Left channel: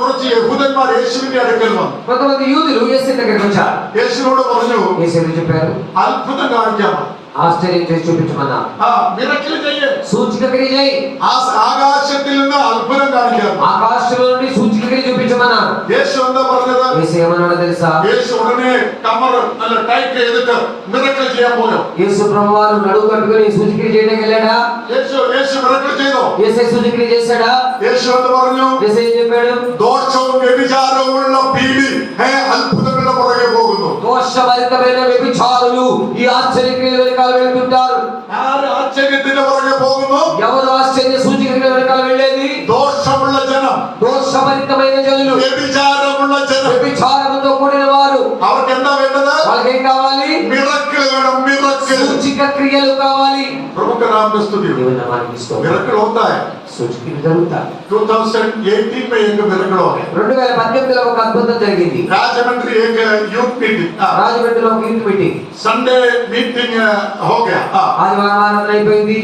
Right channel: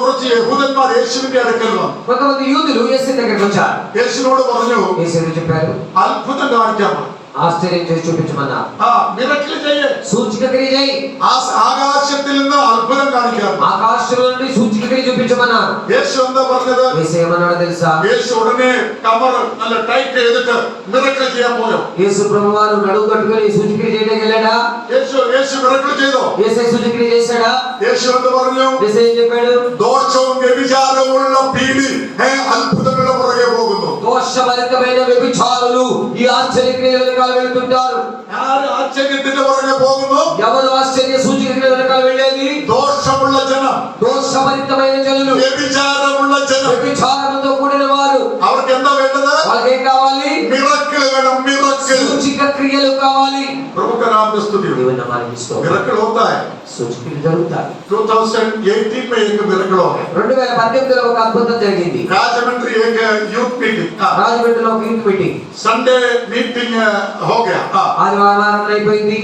കുറച്ച് യഹൂദന്മാർ യേശുവിന്റെ അടുക്കൽ വന്നു. కొంతమంది యూదులు యేసు దగ్గరికి వచ్చారు. యేసునోడు പറഞ്ഞു, యేసు చెప్పారు, అద్భుతం కానిచ్చామా, ఆశ్చర్యం చేసి చూపించమన్నారు. మిరకిల్ చెయ్యి, సూచక క్రియ చేయి, ఆకాశത്തിൽ നിന്ന് అద్భుతం కానిచ్చారు, ఆకాశంలో నుండి సూచక క్రియ చూపించమన్నారు. యేసు എന്താ പറഞ്ഞത്? యేసు ఏమన్నాడో తెలుసా? యేసు ఉడనే కమర్ நல்ல టైట్ ఎదుట మిరకిల్ ചെയ്യാൻ പോയോ. యేసు ప్రభువారు నడుము కట్టుకొని సూచక క్రియ చేయడానికి వెళ్ళాడా? యేసు మిరకిల్ ചെയ്തോ? యేసు సూచక క్రియ చేశాడా? యేసు എന്ത് പറഞ്ഞു? యేసు ఏం చెప్పాడు? దోషവും వ్యభిచారముള്ള పీడి అద్భుతముల పుറകെ പോകുന്നു. దోషభరితమైన వ్యభిచారులు ఈ ఆశ్చర్య క్రియల వెనకాల వెళ్తుంటారు. ఆరు ఆశ్చర్యത്തിന്റെ పుറകെ പോകുന്നു. ఎవరు ఆశ్చర్య సూచక క్రియల వెనకాల వెళ్ళేది? దోషముള്ള జనం, దోషభరితమైన జనులు, వ్యభిచారముള്ള జనం, వ్యభిచారంతో కూడిన వారు. അവർക്ക് എന്താ വേണ്ടത്? వాళ్ళకి ఏం కావాలి? మిరకిల్ వేണം, మిరకిల్. సూచక క్రియలు కావాలి. प्रभु का नाम को स्तुति हो. मिरेकल होता है. సూచకలు జరుగుతాయి. 2018 में एक मिरेकल हो गया. 2018లో ఒక అద్భుతం జరిగింది. राजमंड्री एक यूथ मीटिंग, రాజమండ్రిలో ఒక యూత్ మీటింగ్, संडे मीटिंग हो गया. ఆదివారం అయిపోయింది.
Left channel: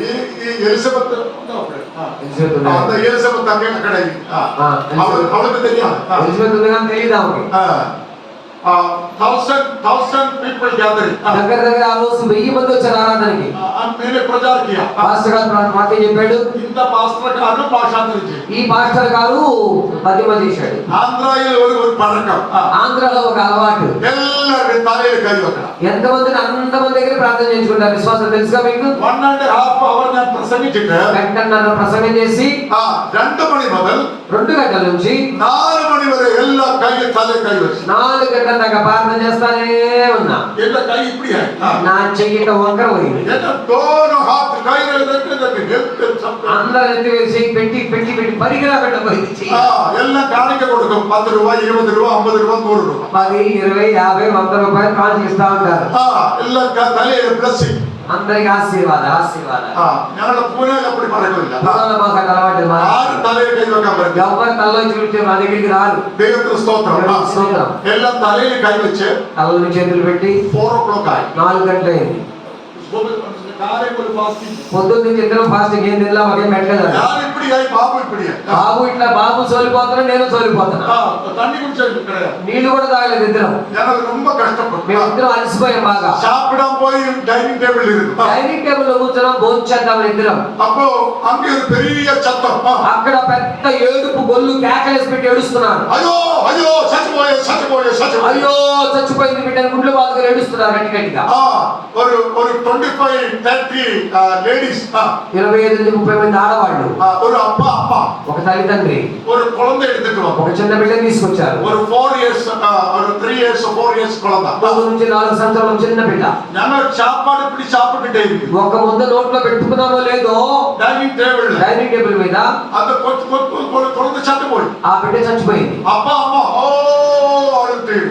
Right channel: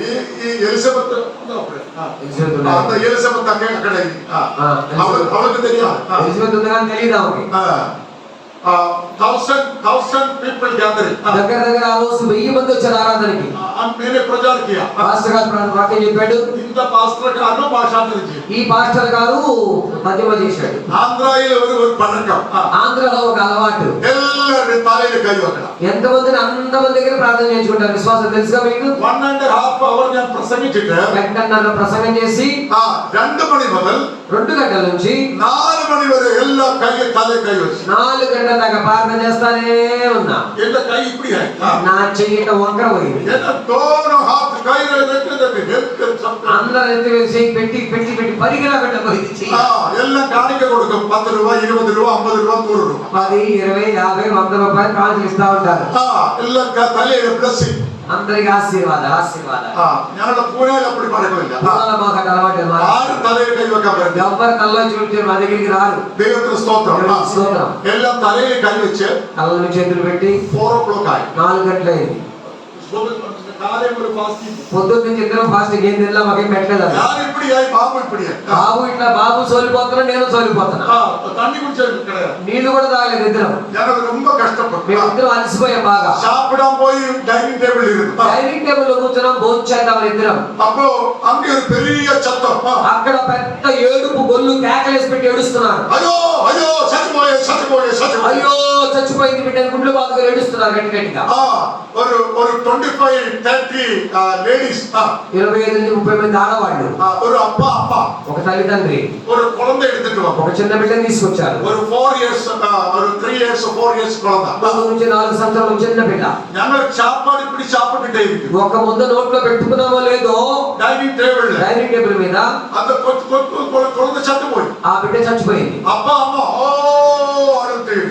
ये ఎలిజబెత్ అక్కడ అవൾക്ക് తెలియదు. ఎలిజబెత్ ఉంది కానీ తెలియదు ఆమెకి. 1000 people gathered. దగ్గర దగ్గర ఆ రోజు 1000 మంది వచ్చారు ఆరాధనకి. मैंने प्रचार किया. పాస్టర్ గారు వాక్యం చెప్పాడు. ఇంత పాస్టర్ గారు భాషాంతరం చేశాడు. ఈ పాస్టర్ గారు పద్యమ చేశాడు. ఆంధ్రాలో ఒక పడకం, ఆంధ్రాలో ఒక అలవాటు, ಎಲ್ಲರ తలైన కై అక్కడ ఎంతమంది అంతమంది దగ్గర ప్రార్థన చేయించుకుంటారు. విశ్వాసం తెలుసుగా మీకు? 1.5 hour ഞാൻ പ്രസംഗിച്ചിട്ട് గంటన్నర ప్రసంగం చేసి 2 മണി മുതൽ 2 గంటల నుంచి 4 మణి వరకు ಎಲ್ಲ కై తల కై వచ్చి 4 గంటల దాకా ప్రార్థన చేస్తానే ఉన్నా. ఎంత కై ఇప్పుడు నా చెయ్యి వంకర పోయింది. दोनों हाथ कई అందరూ ఎత్తి వేసి పెట్టి పెట్టి పెట్టి పరిగిరాకట్ల పోయింది. ఎல்லாம் కాணிక కొడుకు 10 రూపాయలు 20 రూపాయలు 50 రూపాయలు 100 రూపాయలు 10 20 50 100 రూపాయలు కానుకలు ఇస్తా ఉంటారు. ఎல்லாம் తల్లి బ్లెస్సింగ్, అందరికి ఆశీర్వాద ఆశీర్వాద. ഞങ്ങളുടെ പൂനെയിൽ അപ്പടി പറക്കില്ല. మాకు అలవాటు. ആരും തലയിൽ കൈവെക്കാൻ പറ്റില്ല. ఎవరు తల్లో చూపించే మా దగ్గరికి రారు. ദൈവത്തിന് സ്തോത്രം. స్తోత్రం. എല്ലാം തലയിൽ കൈവച്ച് తలలో చేతులు పెట్టి 4 o'clock ആയി. 4 గంటలు అయింది. పొద్దున్న నుంచి ఇద్దరం ఫాస్టింగ్ ఏం తిన్నా మాకేం పెట్టలేదు. బాబు ఇట్లా బాబు సోలిపోతున్నా, నేను సోలిపోతున్నా. నీళ్లు కూడా తాగలేదు ఇద్దరం. మేము ఇద్దరం అలసిపోయాం బాగా. డైనింగ్ టేబుల్ లో కూర్చున్నాం, భోజనం చేద్దాం ఇద్దరం. అక్కడ పెద్ద ఏడుపు గొల్లు కేకలేసి పెట్టి ఏడుస్తున్నారు. అయ్యో చచ్చిపోయింది బిడ్డ గుండె బాధగా ఏడుస్తున్నారు గట్టి గట్టిగా. 25-30 లేడీస్, 25 నుంచి 30 మంది ఆడవాళ్ళు, ఒక తల్లిదండ్రి ఒక చిన్న బిడ్డని తీసుకొచ్చారు. 4 years 3 years 4 years 3 నుంచి 4 సంవత్సరాల చిన్న బిడ్డ. ఒక ముద్ద నోట్లో పెట్టుకున్నామో లేదో డైనింగ్ టేబుల్ మీద ఆ బిడ్డ చచ్చిపోయింది.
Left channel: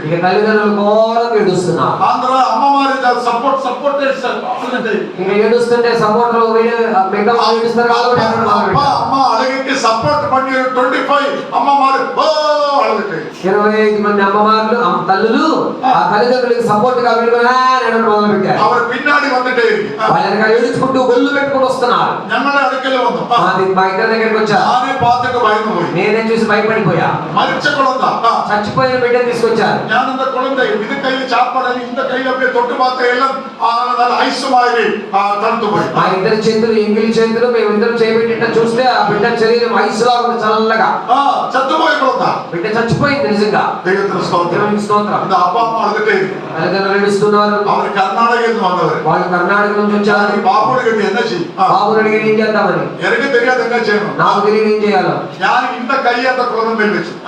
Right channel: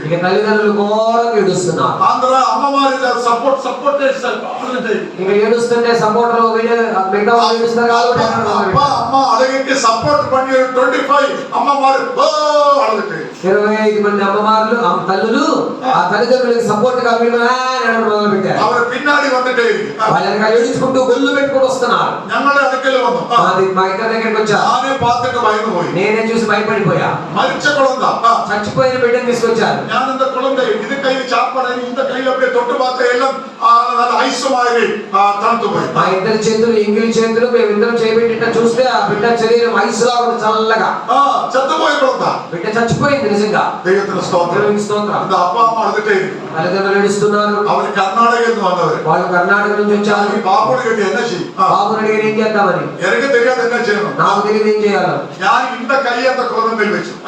ఇక తల్లిదండ్రులు ఘోరంగా ఏడుస్తున్నారు. ఇక ఏడుస్తుంటే సపోర్ట్ మిగతా వాళ్ళు ఏడుస్తారు కాబట్టి సపోర్ట్ பண்ணி 25 అమ్మమారు 25 మంది అమ్మమార్లు తల్లులు ఆ తల్లిదండ్రులకు సపోర్ట్ గా మొదలు పెట్టారు. వాళ్ళని ఏడుచుకుంటూ గొల్లు పెట్టుకుని వస్తున్నారు. మా ఇద్దరి దగ్గరికి వచ్చారు. నేనే చూసి భయపడిపోయా. చచ్చిపోయిన బిడ్డని తీసుకొచ్చారు. మా ఇద్దరు చేతులు ఎంగిలి చేతులు మేమిద్దరం చేయబెట్టిట చూస్తే ఆ బిడ్డ శరీరం ఐస్ లా ఉంది చల్లగా. బిడ్డ చచ్చిపోయింది నిజంగా. స్తోత్రం. తల్లిదండ్రులు ఏడుస్తున్నారు. వాళ్ళు కర్ణాటక నుంచి వచ్చారు. బాబుని అడిగారు ఏం చేద్దామని. నాకు తెలియదు ఏం చేయాలో.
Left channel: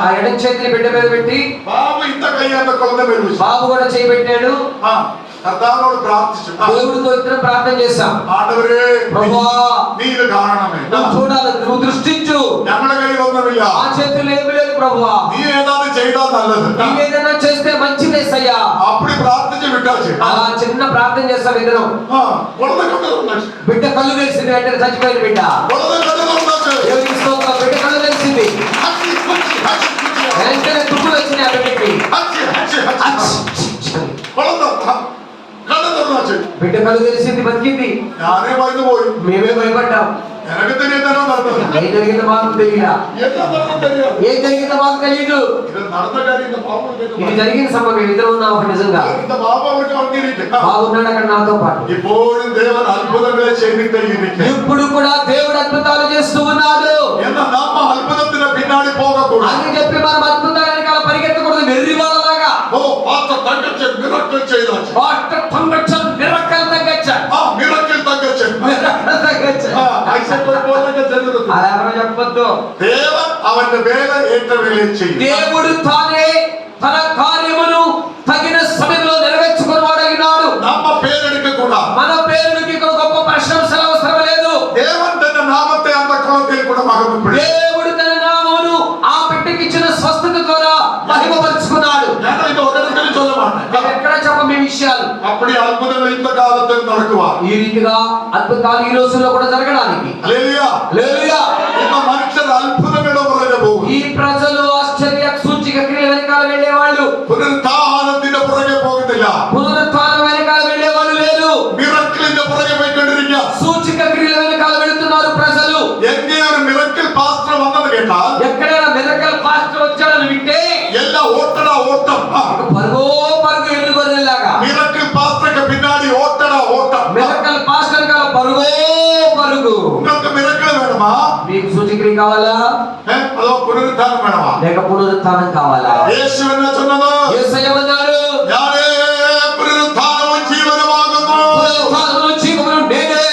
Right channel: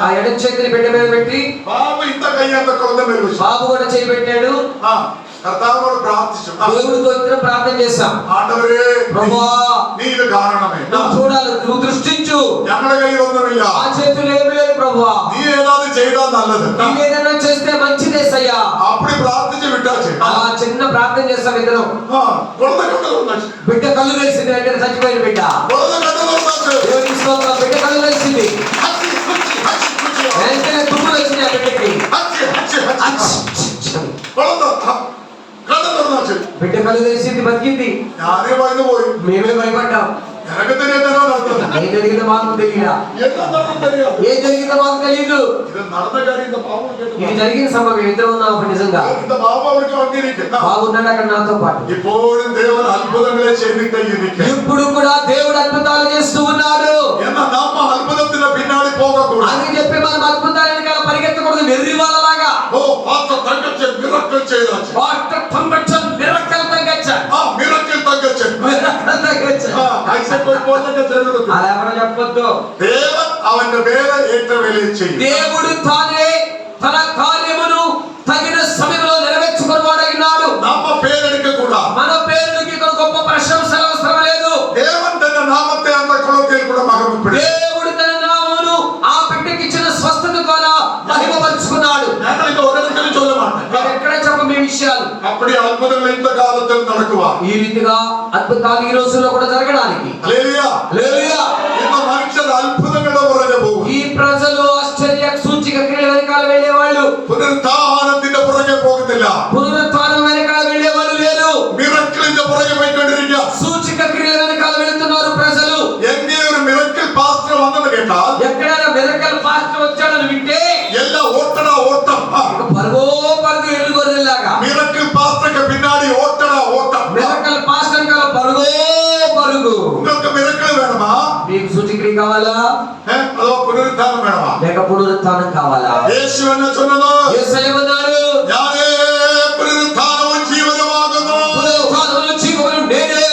ఆ ఎడం చేతిని బిడ్డ మీద పెట్టి బాబు కూడా చేయి పెట్టాడు. దేవుడితో ఇద్దరు ప్రార్థన చేశాం. చూడాలి, నువ్వు దృష్టించు. ఆ చేతులు ఏమి లేదు ప్రభువా, ఏదైనా చేస్తే మంచిదేసయ్యా. అప్పుడు ప్రార్థించి అలా చిన్న ప్రార్థన చేస్తాం ఇద్దరం. బిడ్డ కళ్ళు వేసింది, వెంటనే చచ్చిపోయిన బిడ్డ. బిడ్డ కళ్ళు వేసింది, వెంటనే తుమ్ములు వచ్చింది ఆ బిడ్డకి. బిడ్డ కళ్ళు తెలిసింది, బతికింది. మేమే భయపడ్డాం. எனக்கு தெரியாத நடந்தது. ఏం జరిగిందో మాకు తెలియదా? என்ன நடந்தது தெரியாது. ఏం జరిగిందో మాకు తెలియదు. இது நடந்த காரியம் இந்த பாவம் கேட்டு. ఇది జరిగిన సంభవం ఇద్దరు ఉన్నాం అప్పుడు నిజంగా. இந்த பாவங்களுக்கு வந்திருக்கு. బాగున్నాడు అక్కడ నాతో పాటు. ఇప్పుడు దేవుడు అద్భుతంగా చేయింది. ఇప్పుడు కూడా దేవుడు అద్భుతాలు చేస్తూ ఉన్నాడు. என்ன நாம అద్భుతத்தின பின்னாடி போகக்கூடாது. అని చెప్పి మనం అద్భుతాల వెనకాల పరిగెత్తకూడదు వెర్రి వాళ్ళలాగా. ఓ పాత తగ్గొచ్చే మిరకల్ చేయొచ్చు. పాత తగ్గొచ్చే మిరకల్ తగ్గొచ్చే. మిరకల్ తగ్గొచ్చే. మిరకల్ తగ్గొచ్చే. ఐసెట్ పోతక జరుగుతుంది. అలా ఎవరో చెప్పొద్దు. దేవుడు అవన్న వేళ ఏట వేళ చేయి. దేవుడు తానే తన కార్యమును తగిన సమయంలో నెరవేర్చుకునేవాడైనాడు. నామ పేరెడక కూడా మన పేరుకి ఇక్కడ గొప్ప ప్రశంసలు అవసరం లేదు. దేవుడు తన నామത്തെ అంత కొలతే కూడా మహిమపడి. దేవుడు తన నామమును ఆ బిడ్డకి ఇచ్చిన స్వస్థత ద్వారా మహిమపరుచుకున్నాడు. నేను ఇది ఒకరికి చెప్పమాట. నేను ఎక్కడ చెప్పమే విషయాలు. అప్పుడు అద్భుతങ്ങൾ ఇంత కాలத்தில் நடக்குవా. ఈ రీతిగా అద్భుతాలు ఈ రోజుల్లో కూడా జరగడానికి. హల్లెలూయా. హల్లెలూయా. ఇంత మనుషులు అద్భుతమైన వరగబో. ఈ ప్రజలు ఆశ్చర్య సూచిక క్రియల వెనకాల వెళ్ళేవాళ్ళు. పునరుత్థానത്തിന്റെ పుറകെ పోగతిല്ല. పునరుత్థానం వెనకాల వెళ్ళేవాళ్ళు లేదు. మిరకిలిന്റെ పుറകെ പോയിക്കൊണ്ടിരിക്കുക. సూచిక క్రియల వెనకాల వెళ్తున్నారు ప్రజలు. എங்கே ഒരു മിറക്കിൾ പാസ്റ്റർ വന്നത് കേട്ടാൽ ఎక్కడైనా మిరకల్ పాస్టర్ వచ్చాడని వింటే എല്ലാ ഓട്ടടാ ഓട്ടം. పరుగో పరుగు ఎలుగొర్రెలాగా. മിറക്കിൾ പാസ്റ്റർക്ക് പിന്നാടി ഓട്ടടാ ഓട്ടം. మిరకల్ పాస్టర్ గా పరుగో పరుగు. നിങ്ങൾക്ക് മിറക്കിൾ വേണമാ? మీకు సూచిక్రియ కావాలా? അതോ പുനരുത്ഥാനം വേണമാ? లేక పునరుత్థానం కావాలా? యేసు என்ன சொன்னது? యేసయ్య అన్నారు, ഞാനേ പുനരുത്ഥാനവും ജീവനുമാകുന്നു. పునరుత్థానమును జీవమును నేనే.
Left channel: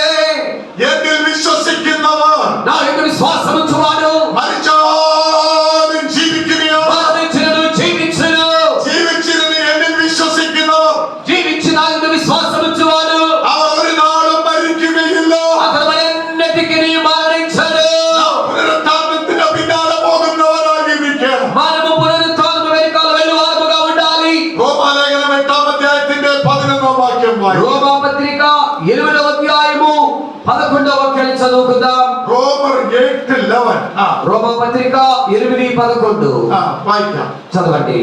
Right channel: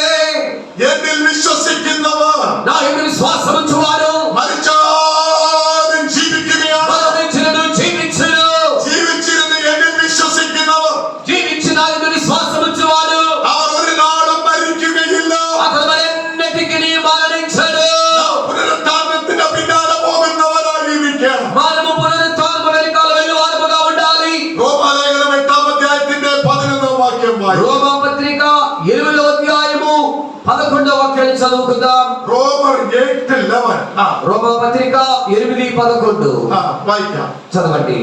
എന്നിൽ വിശ്വസിക്കുന്നവർ నా యందు విశ్వాసం ఉంచువాడు മരിച്ചാലും ജീവിക്കുകയാണ്. మరణించినను జీవించును. ജീവിച്ചിരുന്ന് എന്നിൽ വിശ്വസിക്കുന്നവർ జీవించిన నా యందు విశ్వాసం ఉంచువాడు അവർ ഒരു നാളും മരിക്കുകയില്ല. అతడు మరెన్నటికీ మరణించడు. പുനരുത്ഥാനത്തിന്റെ പിന്നാലെ പോകുന്നവരായിരിക്കണം. మనము పునరుత్థానము వెనకాల వెళ్ళువారముగా ఉండాలి. റോമാലേഖനം 8-ാം അധ്യായത്തിന്റെ 11-ാം വാക്യം വായിക്കാം. రోమా పత్రిక 8వ అధ్యాయము 11వ వాక్యాన్ని చదువుకుందాం. റോമർ 8:11. రోమా పత్రిక 8:11 വായിക്കാം. చదవండి.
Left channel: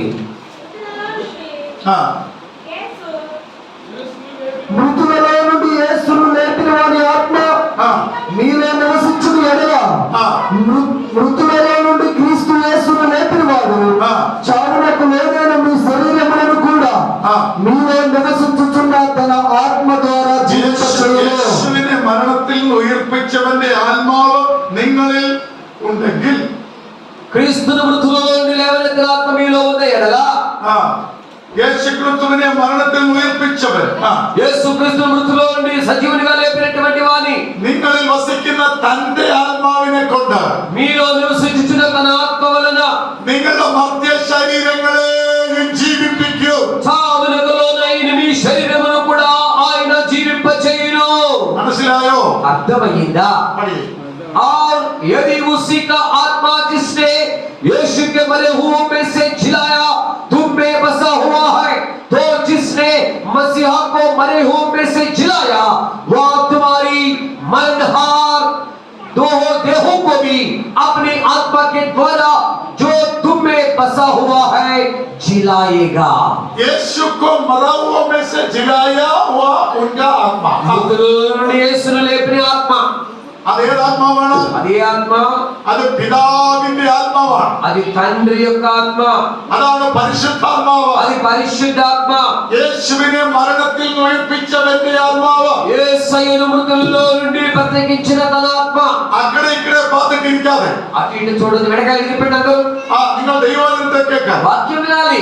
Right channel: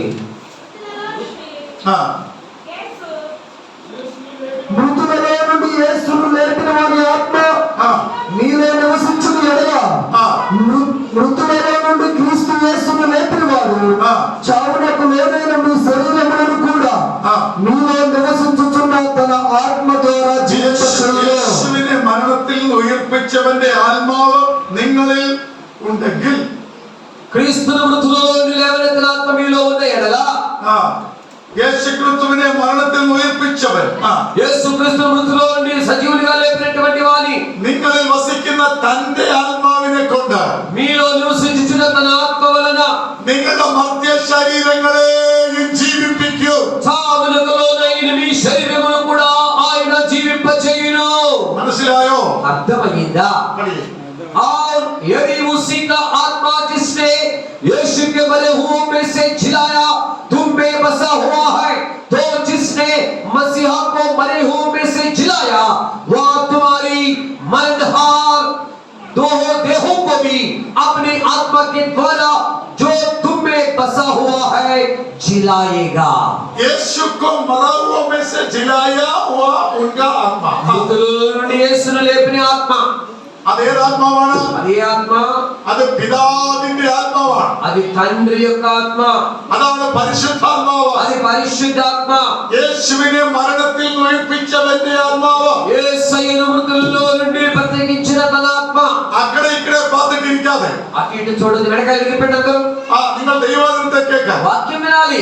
మృతులలో నుండి యేసును లేపిన వారి ఆత్మ మీలో నివసించును ఎడల మృతులలో నుండి క్రీస్తు యేసును లేపిన వాడు చావునకు లేదైన మీ శరీరములను కూడా మీలో నివసించుచున్న తన ఆత్మ ద్వారా జీవించచేయును. യേശുവിനെ മരണത്തിൽ ഉയർപ്പിച്ചവന്റെ ആത്മാവ് നിങ്ങളിൽ ഉണ്ടെങ്കിൽ క్రీస్తును మృతులలో నుండి లేవనెత్తిన ఆత్మ మీలో ఉన్న ఎడల యేసుక్రీస్తువిനെ മരണത്തിൽ ഉയർപ്പിച്ചവൻ యేసు క్రీస్తు మృతులలో నుండి సజీవునిగా లేపినటువంటి వాని നിങ്ങളിൽ വസിക്കുന്ന തന്റെ ആത്മാവിനെ കൊണ്ട് మీలో నివసించుచున్న తన ఆత్మ వలన നിങ്ങളുടെ മർത്യ ശരീരങ്ങളെയും ജീവിപ്പിക്കും. చావునకు లోనైన మీ శరీరమును కూడా ఆయన జీవింపచేయును. മനസ്സിലായോ? అర్థమైందా? പടി. और यदि उसी का आत्मा जिसने यीशु के मरे हुओं में से जिलाया तुम में बसा हुआ है, तो जिसने मसीहा को मरे हुओं में से जिलाया वह तुम्हारी मरणहार दो देहों को भी अपनी आत्मा के द्वारा जो तुम में बसा हुआ है जिलाएगा. यीशु को मरा हुआ में से जिलाया हुआ उनका आत्मा. యేసును లేపిన ఆత్మ അതേതാത്മാവാണ്? అదే ఆత్మ അത് പിതാവിന്റെ ആത്മാവാണ്. అది తండ్రి యొక్క ఆత్మ. അതാണ് പരിശുദ്ധാത്മാവ്. అది పరిశుద్ధాత్మ. യേശുവിനെ മരണത്തിൽ ഉയർപ്പിച്ചവന്റെ ആത്മാവ്. యేసయ్యను మృతుల్లో నుండి బ్రతికించిన తన ఆత్మ. അക്കടെ ഇക്കടെ പാത്തിട്ടിരിക്കാതെ అటు ఇటు చూడదు వెనకాల ఎగిరిపోండి అందరూ. നിങ്ങൾ ദൈവവചനത്തെ കേൾക്കാം. వాక్యం వినాలి.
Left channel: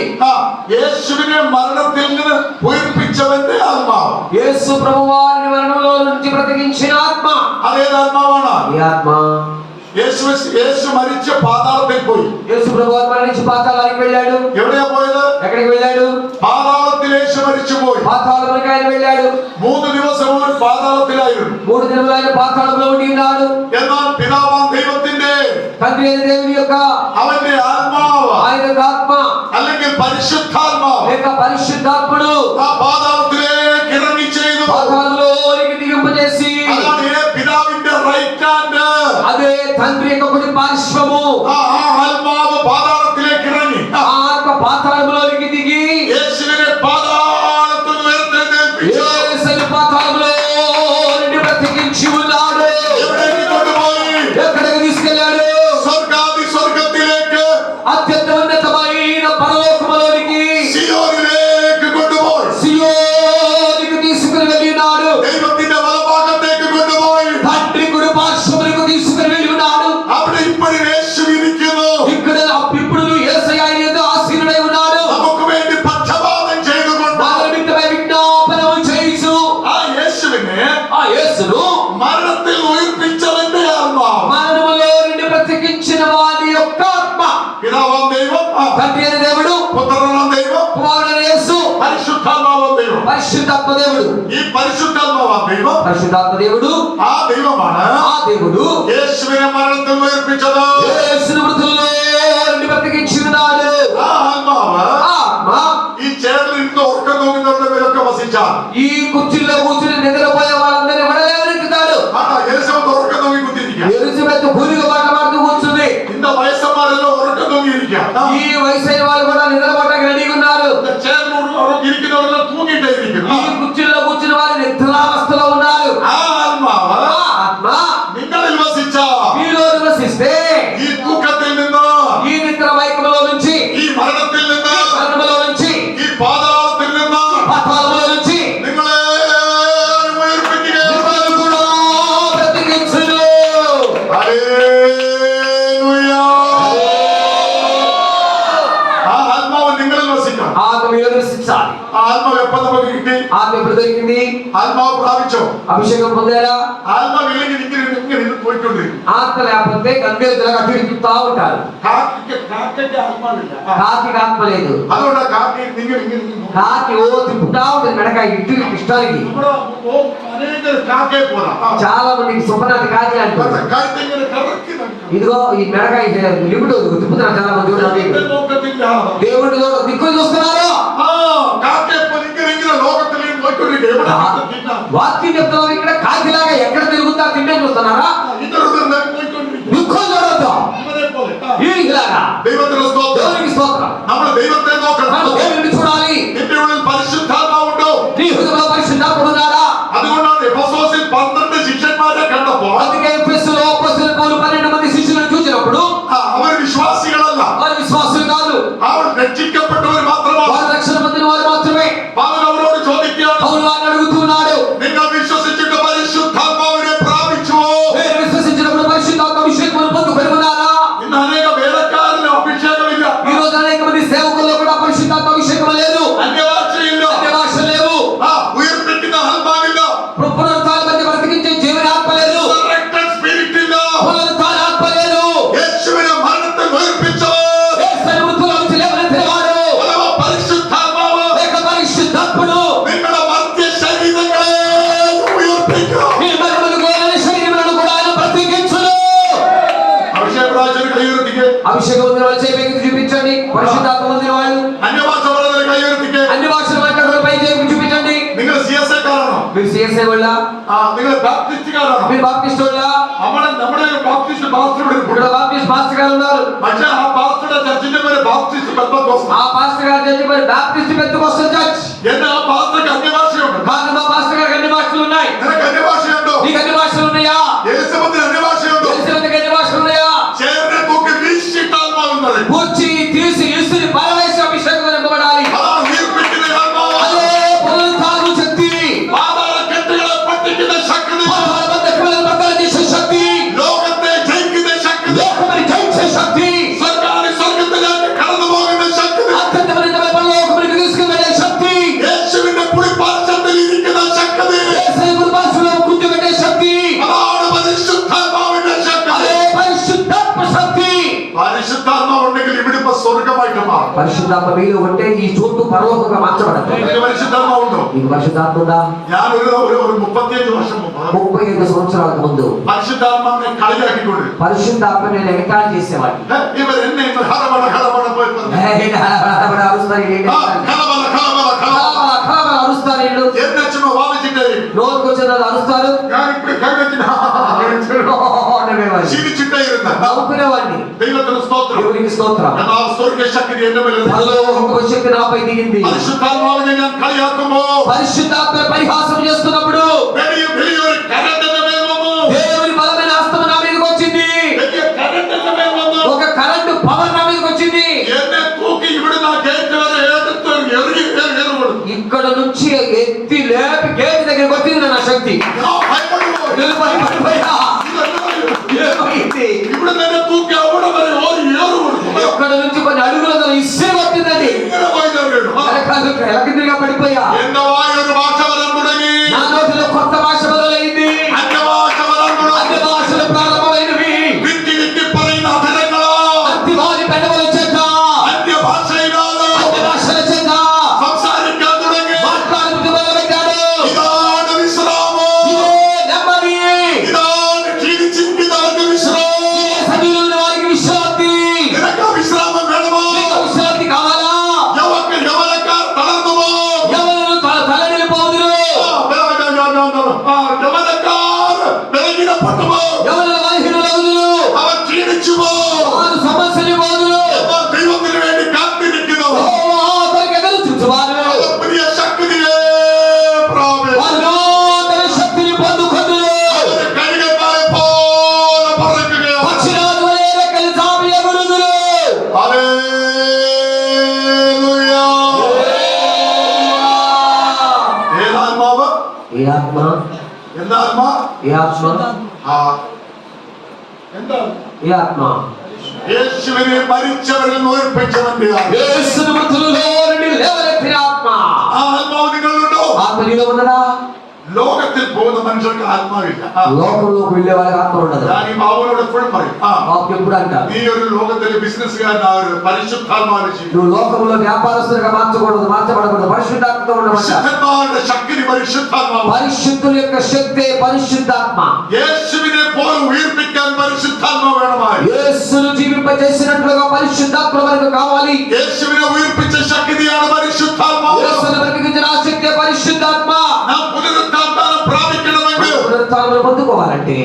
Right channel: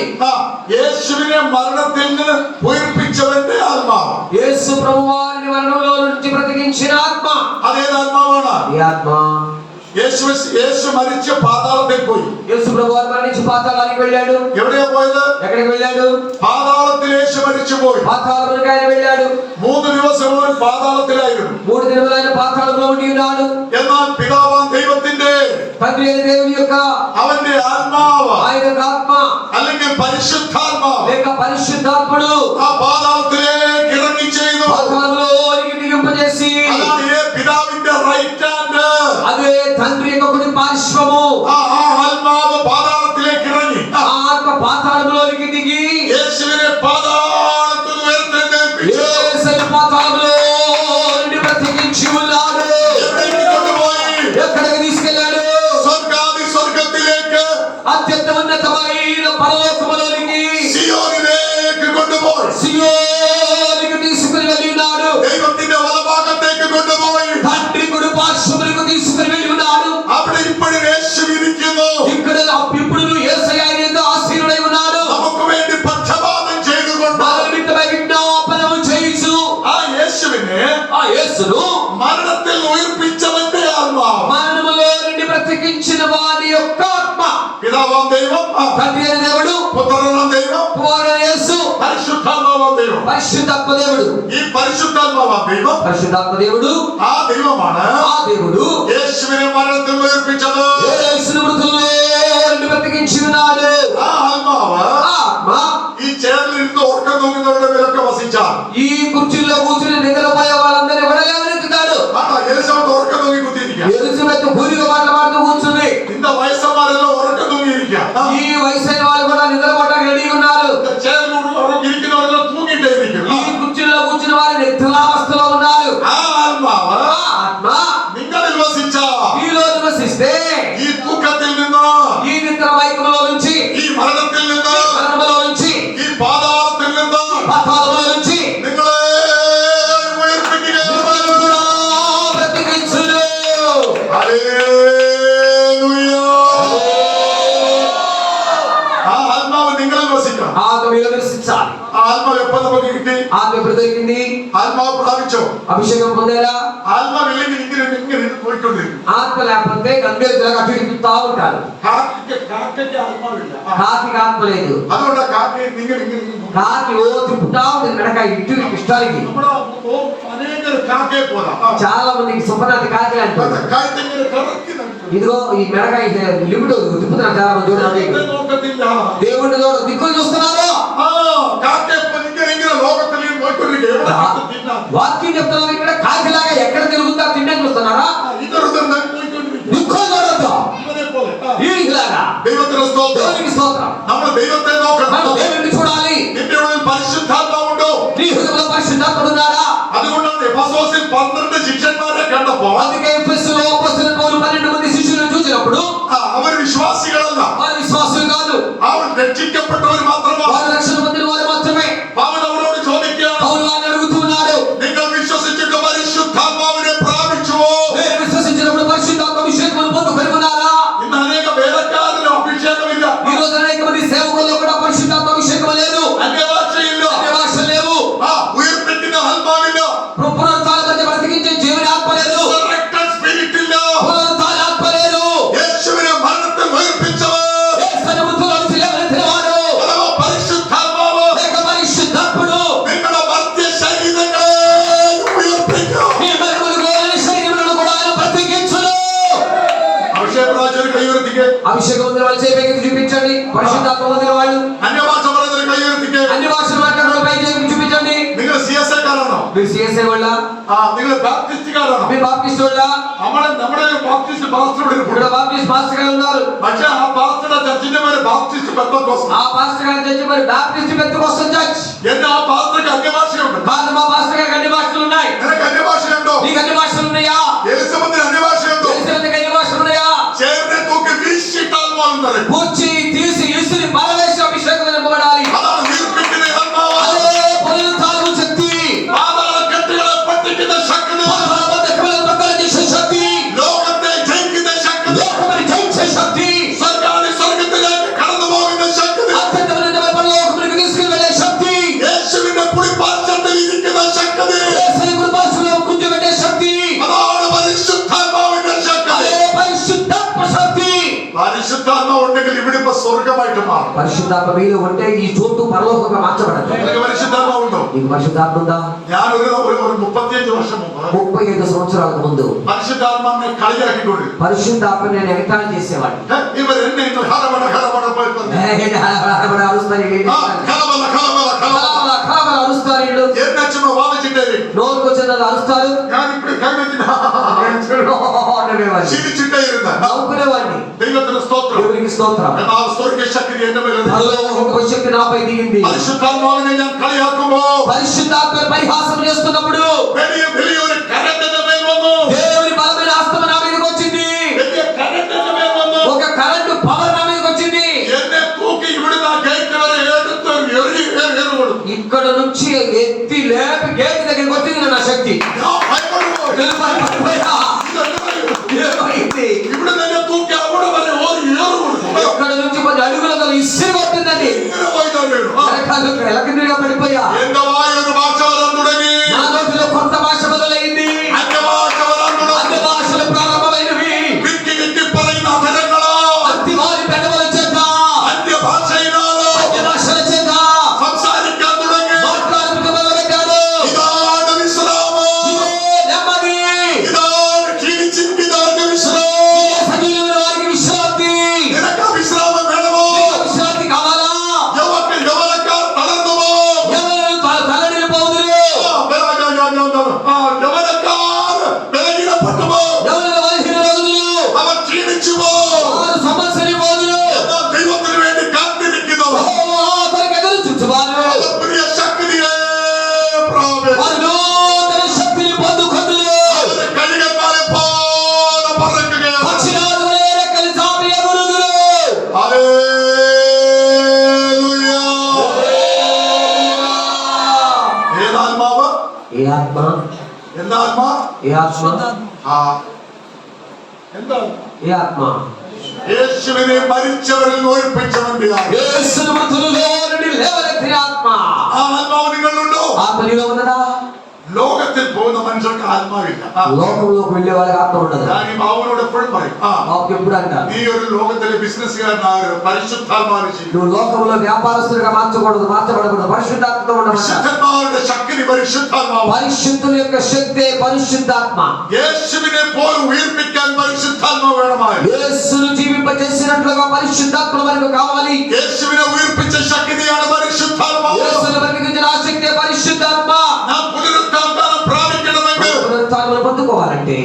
യേശുവിനെ മരണത്തിൽ നിന്ന് ഉയർപ്പിച്ചവന്റെ ആത്മാവ്. యేసు ప్రభువారిని మరణంలో నుంచి బ్రతికించిన ఆత్మ. അതേതാത്മാവാണ്? ఈ ఆత్మ യേശു മരിച്ച പാതാളത്തിൽ പോയി. యేసు ప్రభువారు మరణించి పాతాళానికి వెళ్ళాడు. എവിടെയാ പോയത്? ఎక్కడికి వెళ్ళాడు? പാതാളത്തിൽ യേശു മരിച്ചു പോയി. పాతాళమునకు ఆయన వెళ్ళాడు. 3 ദിവസം അവൻ പാതാളത്തിലായിരുന്നു. 3 దినములు ఆయన పాతాళంలో ఉండి ఉన్నాడు. എന്നാൽ പിതാവാം ദൈവത്തിന്റെ తండ్రి అయిన దేవుని యొక్క അവന്റെ ആത്മാവ് ఆయన ఆత్మ അല്ലെങ്കിൽ പരിശുദ്ധാത്മാവ് లేక పరిశుద్ధాత్ముడు ആ പാതാളത്തിലേക്ക് ഇറങ്ങി ചെയ്തു. పాతాళంలోనికి దిగింపజేసి അതാണ് പിതാവിന്റെ റൈറ്റ് ഹാൻഡ്. అదే తండ్రి యొక్క కుడి పార్శ్వము. ആ ആത്മാവ് പാതാളത്തിലേക്ക് ഇറങ്ങി. ఆత్మ పాతాళంలోనికి దిగి യേശുവിനെ പാതാളത്തിൽ ഉയർത്തെഴുന്നേൽപ്പിച്ചു. యేసుని పాతాళంలో నుండి బ్రతికించి ఉన్నాడు. എവിടേക്ക് കൊണ്ടുപോയി? అత్యంత ఉన్నతమైన పరలోకములోనికి സിയോനിലേക്ക് കൊണ്ടുപോയി సియోనుకు తీసుకుని వెళ్ళి ఉన్నాడు. ദൈവത്തിന്റെ വലഭാഗത്തേക്ക് കൊണ്ടുപോയി తండ్రి కుడి పార్శ్వములకు తీసుకుని వెళ్ళి ఉన్నాడు. അവിടെ ഇപ്പോഴും യേശു ഇരിക്കുന്നു ఇక్కడ ఇప్పుడు యేసయ్య ఆయన ఆశీనుడై ఉన్నాడు. നമുക്ക് വേണ്ടി പക്ഷപാതം ചെയ്തുകൊണ്ട് మన నిమిత్తమై విజ్ఞాపనము చేయుచు ആ യേശുവിനെ ఆ యేసును മരണത്തിൽ ഉയർപ്പിച്ചവന്റെ ആത്മാവ് మరణములో నుండి బ్రతికించిన వారి యొక్క ఆత్మ, പിതാവാം ദൈവം తండ్రి అయిన దేవుడు, പുത്രനാം ദൈവം కుమారుడైన యేసు, പരിശുദ്ധാത്മാവാം ദൈവം పరిశుద్ధాత్మ దేవుడు. ഈ പരിശുദ്ധാത്മാവാം ദൈവം పరిశుద్ధాత్మ దేవుడు ആ ദൈവമാണ് ఆ దేవుడు യേശുവിനെ മരണത്തിൽ ഉയർപ്പിച്ചത് యేసును మృతుల్లో నుండి బ్రతికించినాడు. ആ ആത്മാവ് ఆ ఆత్మ ഈ ചേർന്നിരുന്ന് ഉറക്കം തൂങ്ങുന്നവരുടെ മേലൊക്കെ വസിച്ചാൽ ఈ కుర్చీలో కూర్చుని నిద్రపోయే వాళ్ళందరినీ కూడా లేవనెత్తుతాడు. എലിസബത്ത് ഉറക്കം തൂങ്ങി കുത്തിയിരിക്കുക ఎలిజబెత్ భూమిగా పాటపాడుతూ కూర్చుంది. ഇന്ന വയസ്സന്മാരെല്ലാം ഉറക്കം തൂങ്ങിയിരിക്കുക ఈ వయసైన వాళ్ళు కూడా నిద్రపోవడానికి రెడీగా ఉన్నారు. ഇരിക്കുന്നവരെല്ലാം തൂങ്ങിയിട്ടേ ഇരിക്കുന്നു ఈ కుర్చీలో కూర్చుని వారి నిద్రావస్థలో ఉన్నారు. ആ ആത്മാവ് ఆ ఆత్మ നിങ്ങളിൽ വസിച്ച మీలో నివసిస్తే ഈ തൂക്കത്തിൽ നിന്ന് ఈ నిద్ర మైకములో నుంచి, ഈ മരണത്തിൽ നിന്ന് మరణములో నుంచి, ഈ പാതാളത്തിൽ നിന്ന് పాతాళములో నుంచి നിങ്ങളെ ഉയർപ്പിക്കുക మిమ్మల్ని కూడా బ్రతికించును. ഹല്ലേലൂയ. ആ ആത്മാവ് നിങ്ങളിൽ വസിക്കണം ఆత్మ మీలో నివసించాలి. ആ ആത്മാവ് എപ്പോ നമുക്ക് കിട്ടി ఆత్మ ఎప్పుడు దొరికింది? ആത്മാവ് പ്രാപിച്ചോ అభిషేకం పొందారా? ആത്മാവ് ഇല്ലെങ്കിൽ ഇങ്ങനെ പോയിക്കൊണ്ടിരിക്കും ఆత్మ లేకపోతే గంభీరతగా అటు ఇటు తిప్పుతా ఉంటారు. കാക്കയ്ക്ക് ആത്മാവില്ല కాకి ఆత్మ లేదు. അതുകൊണ്ടാ കാക്കയെ നിങ്ങൾ ഇങ്ങനെ പോകും. కాకి ఓ తిప్పుతా ఉంటుంది మెడక ఇటు ఇటు ఇష్టానికి. നമ്മുടെ അനേക കാക്കയെ പോലെ చాలా మందికి సుపనాతి కాకి అంటారు. കഴുത്തിങ്ങനെ കറക്കി നടക്കും. ఇదిగో ఈ మెడక లిమిట్ తిప్పుతున్నారు చాలా మంది చూడండి. ദൈവത്തെ നോക്കത്തില്ല దేవుడిలో దిక్కులు చూస్తున్నారు. ആ കാക്കയെ പോലെ ഇങ്ങനെ ലോകത്തിൽ നോക്കിക്കൊണ്ടിരിക്കുക എവിടെ തിന്നാം వాక్యం చెప్తున్నాం ఇక్కడ కాకిలాగా ఎక్కడ తిరుగుతా తిండే చూస్తున్నారా? ഇതറുതൽ പോയിക്കൊണ്ടിരിക്കുക దిక్కులు చూడొద్దు. ഇവരെ പോലെ ఈలాగా ദൈവത്തിന്റെ സ്തോത്രം దేవునికి స్తోత్రం. നമ്മൾ ദൈവത്തെ మనం നോക്കണം దేవుడిని చూడాలి. നിന്റെ ഉള്ളിൽ പരിശുദ്ധാത്മാവുണ്ടോ నీ హృదయంలో పరిశుద్ధాత్మ ఉన్నాడా? അതുകൊണ്ടാണ് എഫെസോസിൽ 12 ശിഷ്യന്മാരെ കണ്ടപ്പോ అందుకే ఎఫెసులో అపోస్తలులు పౌలు 12 మంది శిష్యులను చూసినప్పుడు അവർ വിശ്വാസികളല്ല వారు విశ్వాసులు కాదు, അവർ രക്ഷിക്കപ്പെട്ടവർ മാത്രമാണ് వారు రక్షణ పొందిన వారు మాత్రమే. പൗൽ അവരോട് ചോദിക്കുകയാണ് పౌలు వారిని అడుగుతున్నాడు, നിങ്ങൾ വിശ്വസിച്ചിട്ട് പരിശുദ്ധാത്മാവിനെ പ്രാപിച്ചുവോ మీరు విశ్వసించినప్పుడు పరిశుద్ధాత్మ అభిషేకమును పొందుకొని ఉన్నారా? ഇന്ന് അനേക വേലക്കാരിലും അഭിഷേകമില്ല ఈ రోజు అనేక మంది సేవకుల్లో కూడా పరిశుద్ధాత్మ అభిషేకం లేదు, അന്യഭാഷയില്ല అన్య భాషలు లేవు, ഉയർപ്പിക്കുന്ന ആത്മാവില്ല పునరుత్థాన మధ్య బ్రతికించే జీవన ఆత్మ లేదు, Resurrected spirit ഇല്ല పునరుత్థాన ఆత్మ లేదు. യേശുവിനെ മരണത്തിൽ ഉയർപ്പിച്ചവർ యేసుని మృతుల్లో నుంచి లేవనెత్తినవాడు അഥവാ പരിശുദ്ധാത്മാവ് లేక పరిశుద్ధాత్ముడు നിങ്ങളുടെ മർത്യ ശരീരങ്ങളെ ഉയർപ്പിക്കും మీ మరణములు గోయని శరీరములను కూడా ఆయన బ్రతికించును. അഭിഷേക പ്രാചീന കൈയുയർത്തിക്ക് అభిషేకం ఉన్న వాళ్ళు చేయి చూపించండి. పరిశుద్ధాత్మ పొందిన వాళ్ళు അന്യഭാഷ പറയുന്നതിന് കൈയുയർത്തിക്ക് అన్ని భాషలు మాట్లాడే పై చేయి చూపించండి. നിങ്ങൾ CSI കാരാണോ మీరు సిఎస్ఐ వాళ్ళ, നിങ്ങൾ ബാപ്റ്റിസ്റ്റുകാരാണോ మీరు బాప్టిస్ట్ వాళ్ళ? നമ്മുടെ ബാപ്റ്റിസ്റ്റ് പാസ്റ്ററുടെ ഒരു ఇక్కడ బాప్టిస్ట్ మాస్టర్ గారు ఉన్నారు. പക്ഷേ ആ പാസ്റ്ററുടെ ചർച്ചിന്റെ പേര് ബാപ്റ്റിസ്റ്റ് പെന്തക്കോസ്ത് ఆ పాస్టర్ గారు చెప్పి మరి బాప్టిస్ట్ పెద్దకొస్తం చర్చ్. എന്റെ ఆ പാസ്റ്റർക്ക് അന്യഭാഷയുണ്ട് మా పాస్టర్ గారికి అన్ని భాషలు ఉన్నాయి. നിനക്ക് അന്യഭാഷയുണ്ടോ నీకు అన్ని భాషలు ఉన్నాయా? എലിസബത്തിന് അന്യഭാഷയുണ്ടോ ఎలిజబెత్కి అన్ని భాషలు ఉన్నాయా? ചേർന്ന് തൂക്കി വീശിട്ടാത്മാവുന്നത് కూర్చి తీసి ఇసుని పారవేశ అభిషేకం నింపబడాలి. അതാണ് ഉയർപ്പിക്കുന്ന ആത്മാവ് అదే పునరుత్థానపు శక్తి, പാതാള കെട്ടുകളെ പറ്റിക്കുന്ന ശക്തി పాతాళ బంధకాలను బద్దలు చేసే శక్తి, ലോകത്തെ ജയിക്കുന്ന ശക്തി లోకముని జయించే శక్తి, സ്വർഗാദി സ്വർഗത്തിലേക്ക് കടന്നു പോകുന്ന ശക്തി అత్యంతమైన పరలోకమునికి తీసుకువెళ్ళే శక్తి, യേശുവിന്റെ പുളിപ്പാർച്ചത്തിൽ ഇരിക്കുന്ന ശക്തി యేసుని కృపాసనంలో కూర్చోబెట్టే శక్తి, അതാണ് പരിശുദ്ധാത്മാവിന്റെ ശക്തി అదే పరిశుద్ధాత్మ శక్తి. പരിശുദ്ധാത്മാവ് ഉണ്ടെങ്കിൽ ഇവിടെ ഇപ്പൊ സ്വർഗമായിട്ട് മാറും పరిశుద్ధాత్మ మీలో ఉంటే ఈ చోటు పరలోకంగా మార్చబడదు. നിങ്ങൾക്ക് പരിശുദ്ധാത്മാവുണ്ടോ నీకు పరిశుద్ధాత్మ ఉందా? ഞാൻ ഒരു 35 വർഷം മുമ്പ് 35 సంవత్సరాలకు ముందు പരിശുദ്ധാത്മാവിനെ കളിയാക്കിക്കൊണ്ട് పరిశుద్ధాత్మ నేను ఎగతాళి చేసేవాడిని. ഇവർ എന്നെ ഇന്ന് ഹടപട പോയി പറഞ്ഞു అరుస్తారు వీళ్ళు. ഹടബല కలబల కలబల అరుస్తారు వీళ్ళు. എന്നെ ചുമ വാദിച്ചിട്ടേ నోరుకు వచ్చినది అరుస్తారు. ഞാൻ ఇప్పుడు കൈവച്ചിട്ട് నవ్వేవాడిని. ചിരിച്ചിട്ടേ ഇരുന്ന నవ్వుకునేవాడిని. ദൈവത്തിന് സ്തോത്രം దేవునికి స్తోత్రం. എന്നാൽ സ്വർഗ శక్തി എന്റെ മേലെ పరలోక శక్తి నాపై దిగింది. പരിശുദ്ധാത്മാവിനെ ഞാൻ കളിയാക്കുമ്പോ పరిశుద్ధాత్మ పరిహాసం చేస్తున్నప్పుడు വലിയൊരു കരണ്ടിന്റെ മേൽ വന്നു దేవుని బలమైన హస్తం నా మీదకి వచ్చింది. വലിയ കരണ്ടിന്റെ മേൽ വന്നു ఒక కరెంటు పవర్ నా మీదకి వచ్చింది. ఇక్కడ నుంచి ఎత్తి లేపి గేట్ దగ్గరికి వచ్చింది నా శక్తి. నేను భయపడిపోయా. ఏమైంది? ఇక్కడ నుంచి కొన్ని అడుగులతో ఇసురు పట్టిందండి. ఎలకిందిగా పడిపోయా. నా నోటిలో కొత్త భాష మొదలైంది. అన్య భాషలు ప్రారంభమైనవి. అతి వారి పెదవుల చేత అన్య భాషల చేత మాట్లాడుతూ మొదలుపెట్టాడు. నెమ్మది. సజీవులైన వారికి విశ్రాంతి. విశ్రాంతి కావాలా? ఎవరు తలడిల్లిపోదురు? ఎవరు బలహీనులగుదురు? వారు సమస్యలిపోదురు. వారికి ఎదురు చూచువారు. వారు నూతన శక్తిని పొందుకొందురు. పక్షిరాజు వలె రెక్కలు చాపి ఎగురుదురు. ఏ ఆత్మ? ఏ ఆత్మ? യേശുവിനെ മരിച്ചവരിൽ നോയിപ്പിച്ചവന്റെ యేసును మృతులలో నుండి లేవనెత్తిన ఆత్మ. ആ ആത്മാവ് നിങ്ങളുണ്ടോ? ఆత్మ నీలో ఉన్నదా? ലോകത്തിൽ പോകുന്ന മനുഷ്യർക്ക് ആത്മാവില്ല. లోకంలోకి వెళ్ళే వాళ్ళకి ఆత్మ ఉండదు. ഞാൻ ഈ ബാബുവിനോട് എപ്പോഴും പറയും, బాబు ఎప్పుడు అంటారు, നീ ഒരു ലോകത്തിലെ ബിസിനസ്സുകാരനാണ്, പരിശുദ്ധാത്മാവിനെ ജീവിക്കണം. నువ్వు లోకంలో వ్యాపారస్తులుగా మార్చకూడదు, మార్చబడకూడదు, పరిశుద్ధాత్మతో ఉండమంట. വിശുദ്ധന്മാരുടെ ശക്തി പരിശുദ്ധാത്മാവ്. పరిశుద్ధుల యొక్క శక్తి పరిశుద్ధాత్మ. യേശുവിനെ പോലെ ഉയർപ്പിക്കാൻ പരിശുദ്ധാത്മാവ് വേണമായിരുന്നു. యేసును జీవింపజేసినట్లుగా పరిశుద్ధాత్మ మనకు కావాలి. യേശുവിനെ ഉയർപ്പിച്ച ശക്തിയാണ് പരിശുദ്ധാത്മാവ്. యేసును బ్రతికించిన ఆ శక్తి పరిశుద్ధాత్మ. നാം പുനരുത്ഥാനം പ്രാപിക്കണമെങ്കിൽ పునరుత్థానం పొందుకోవాలంటే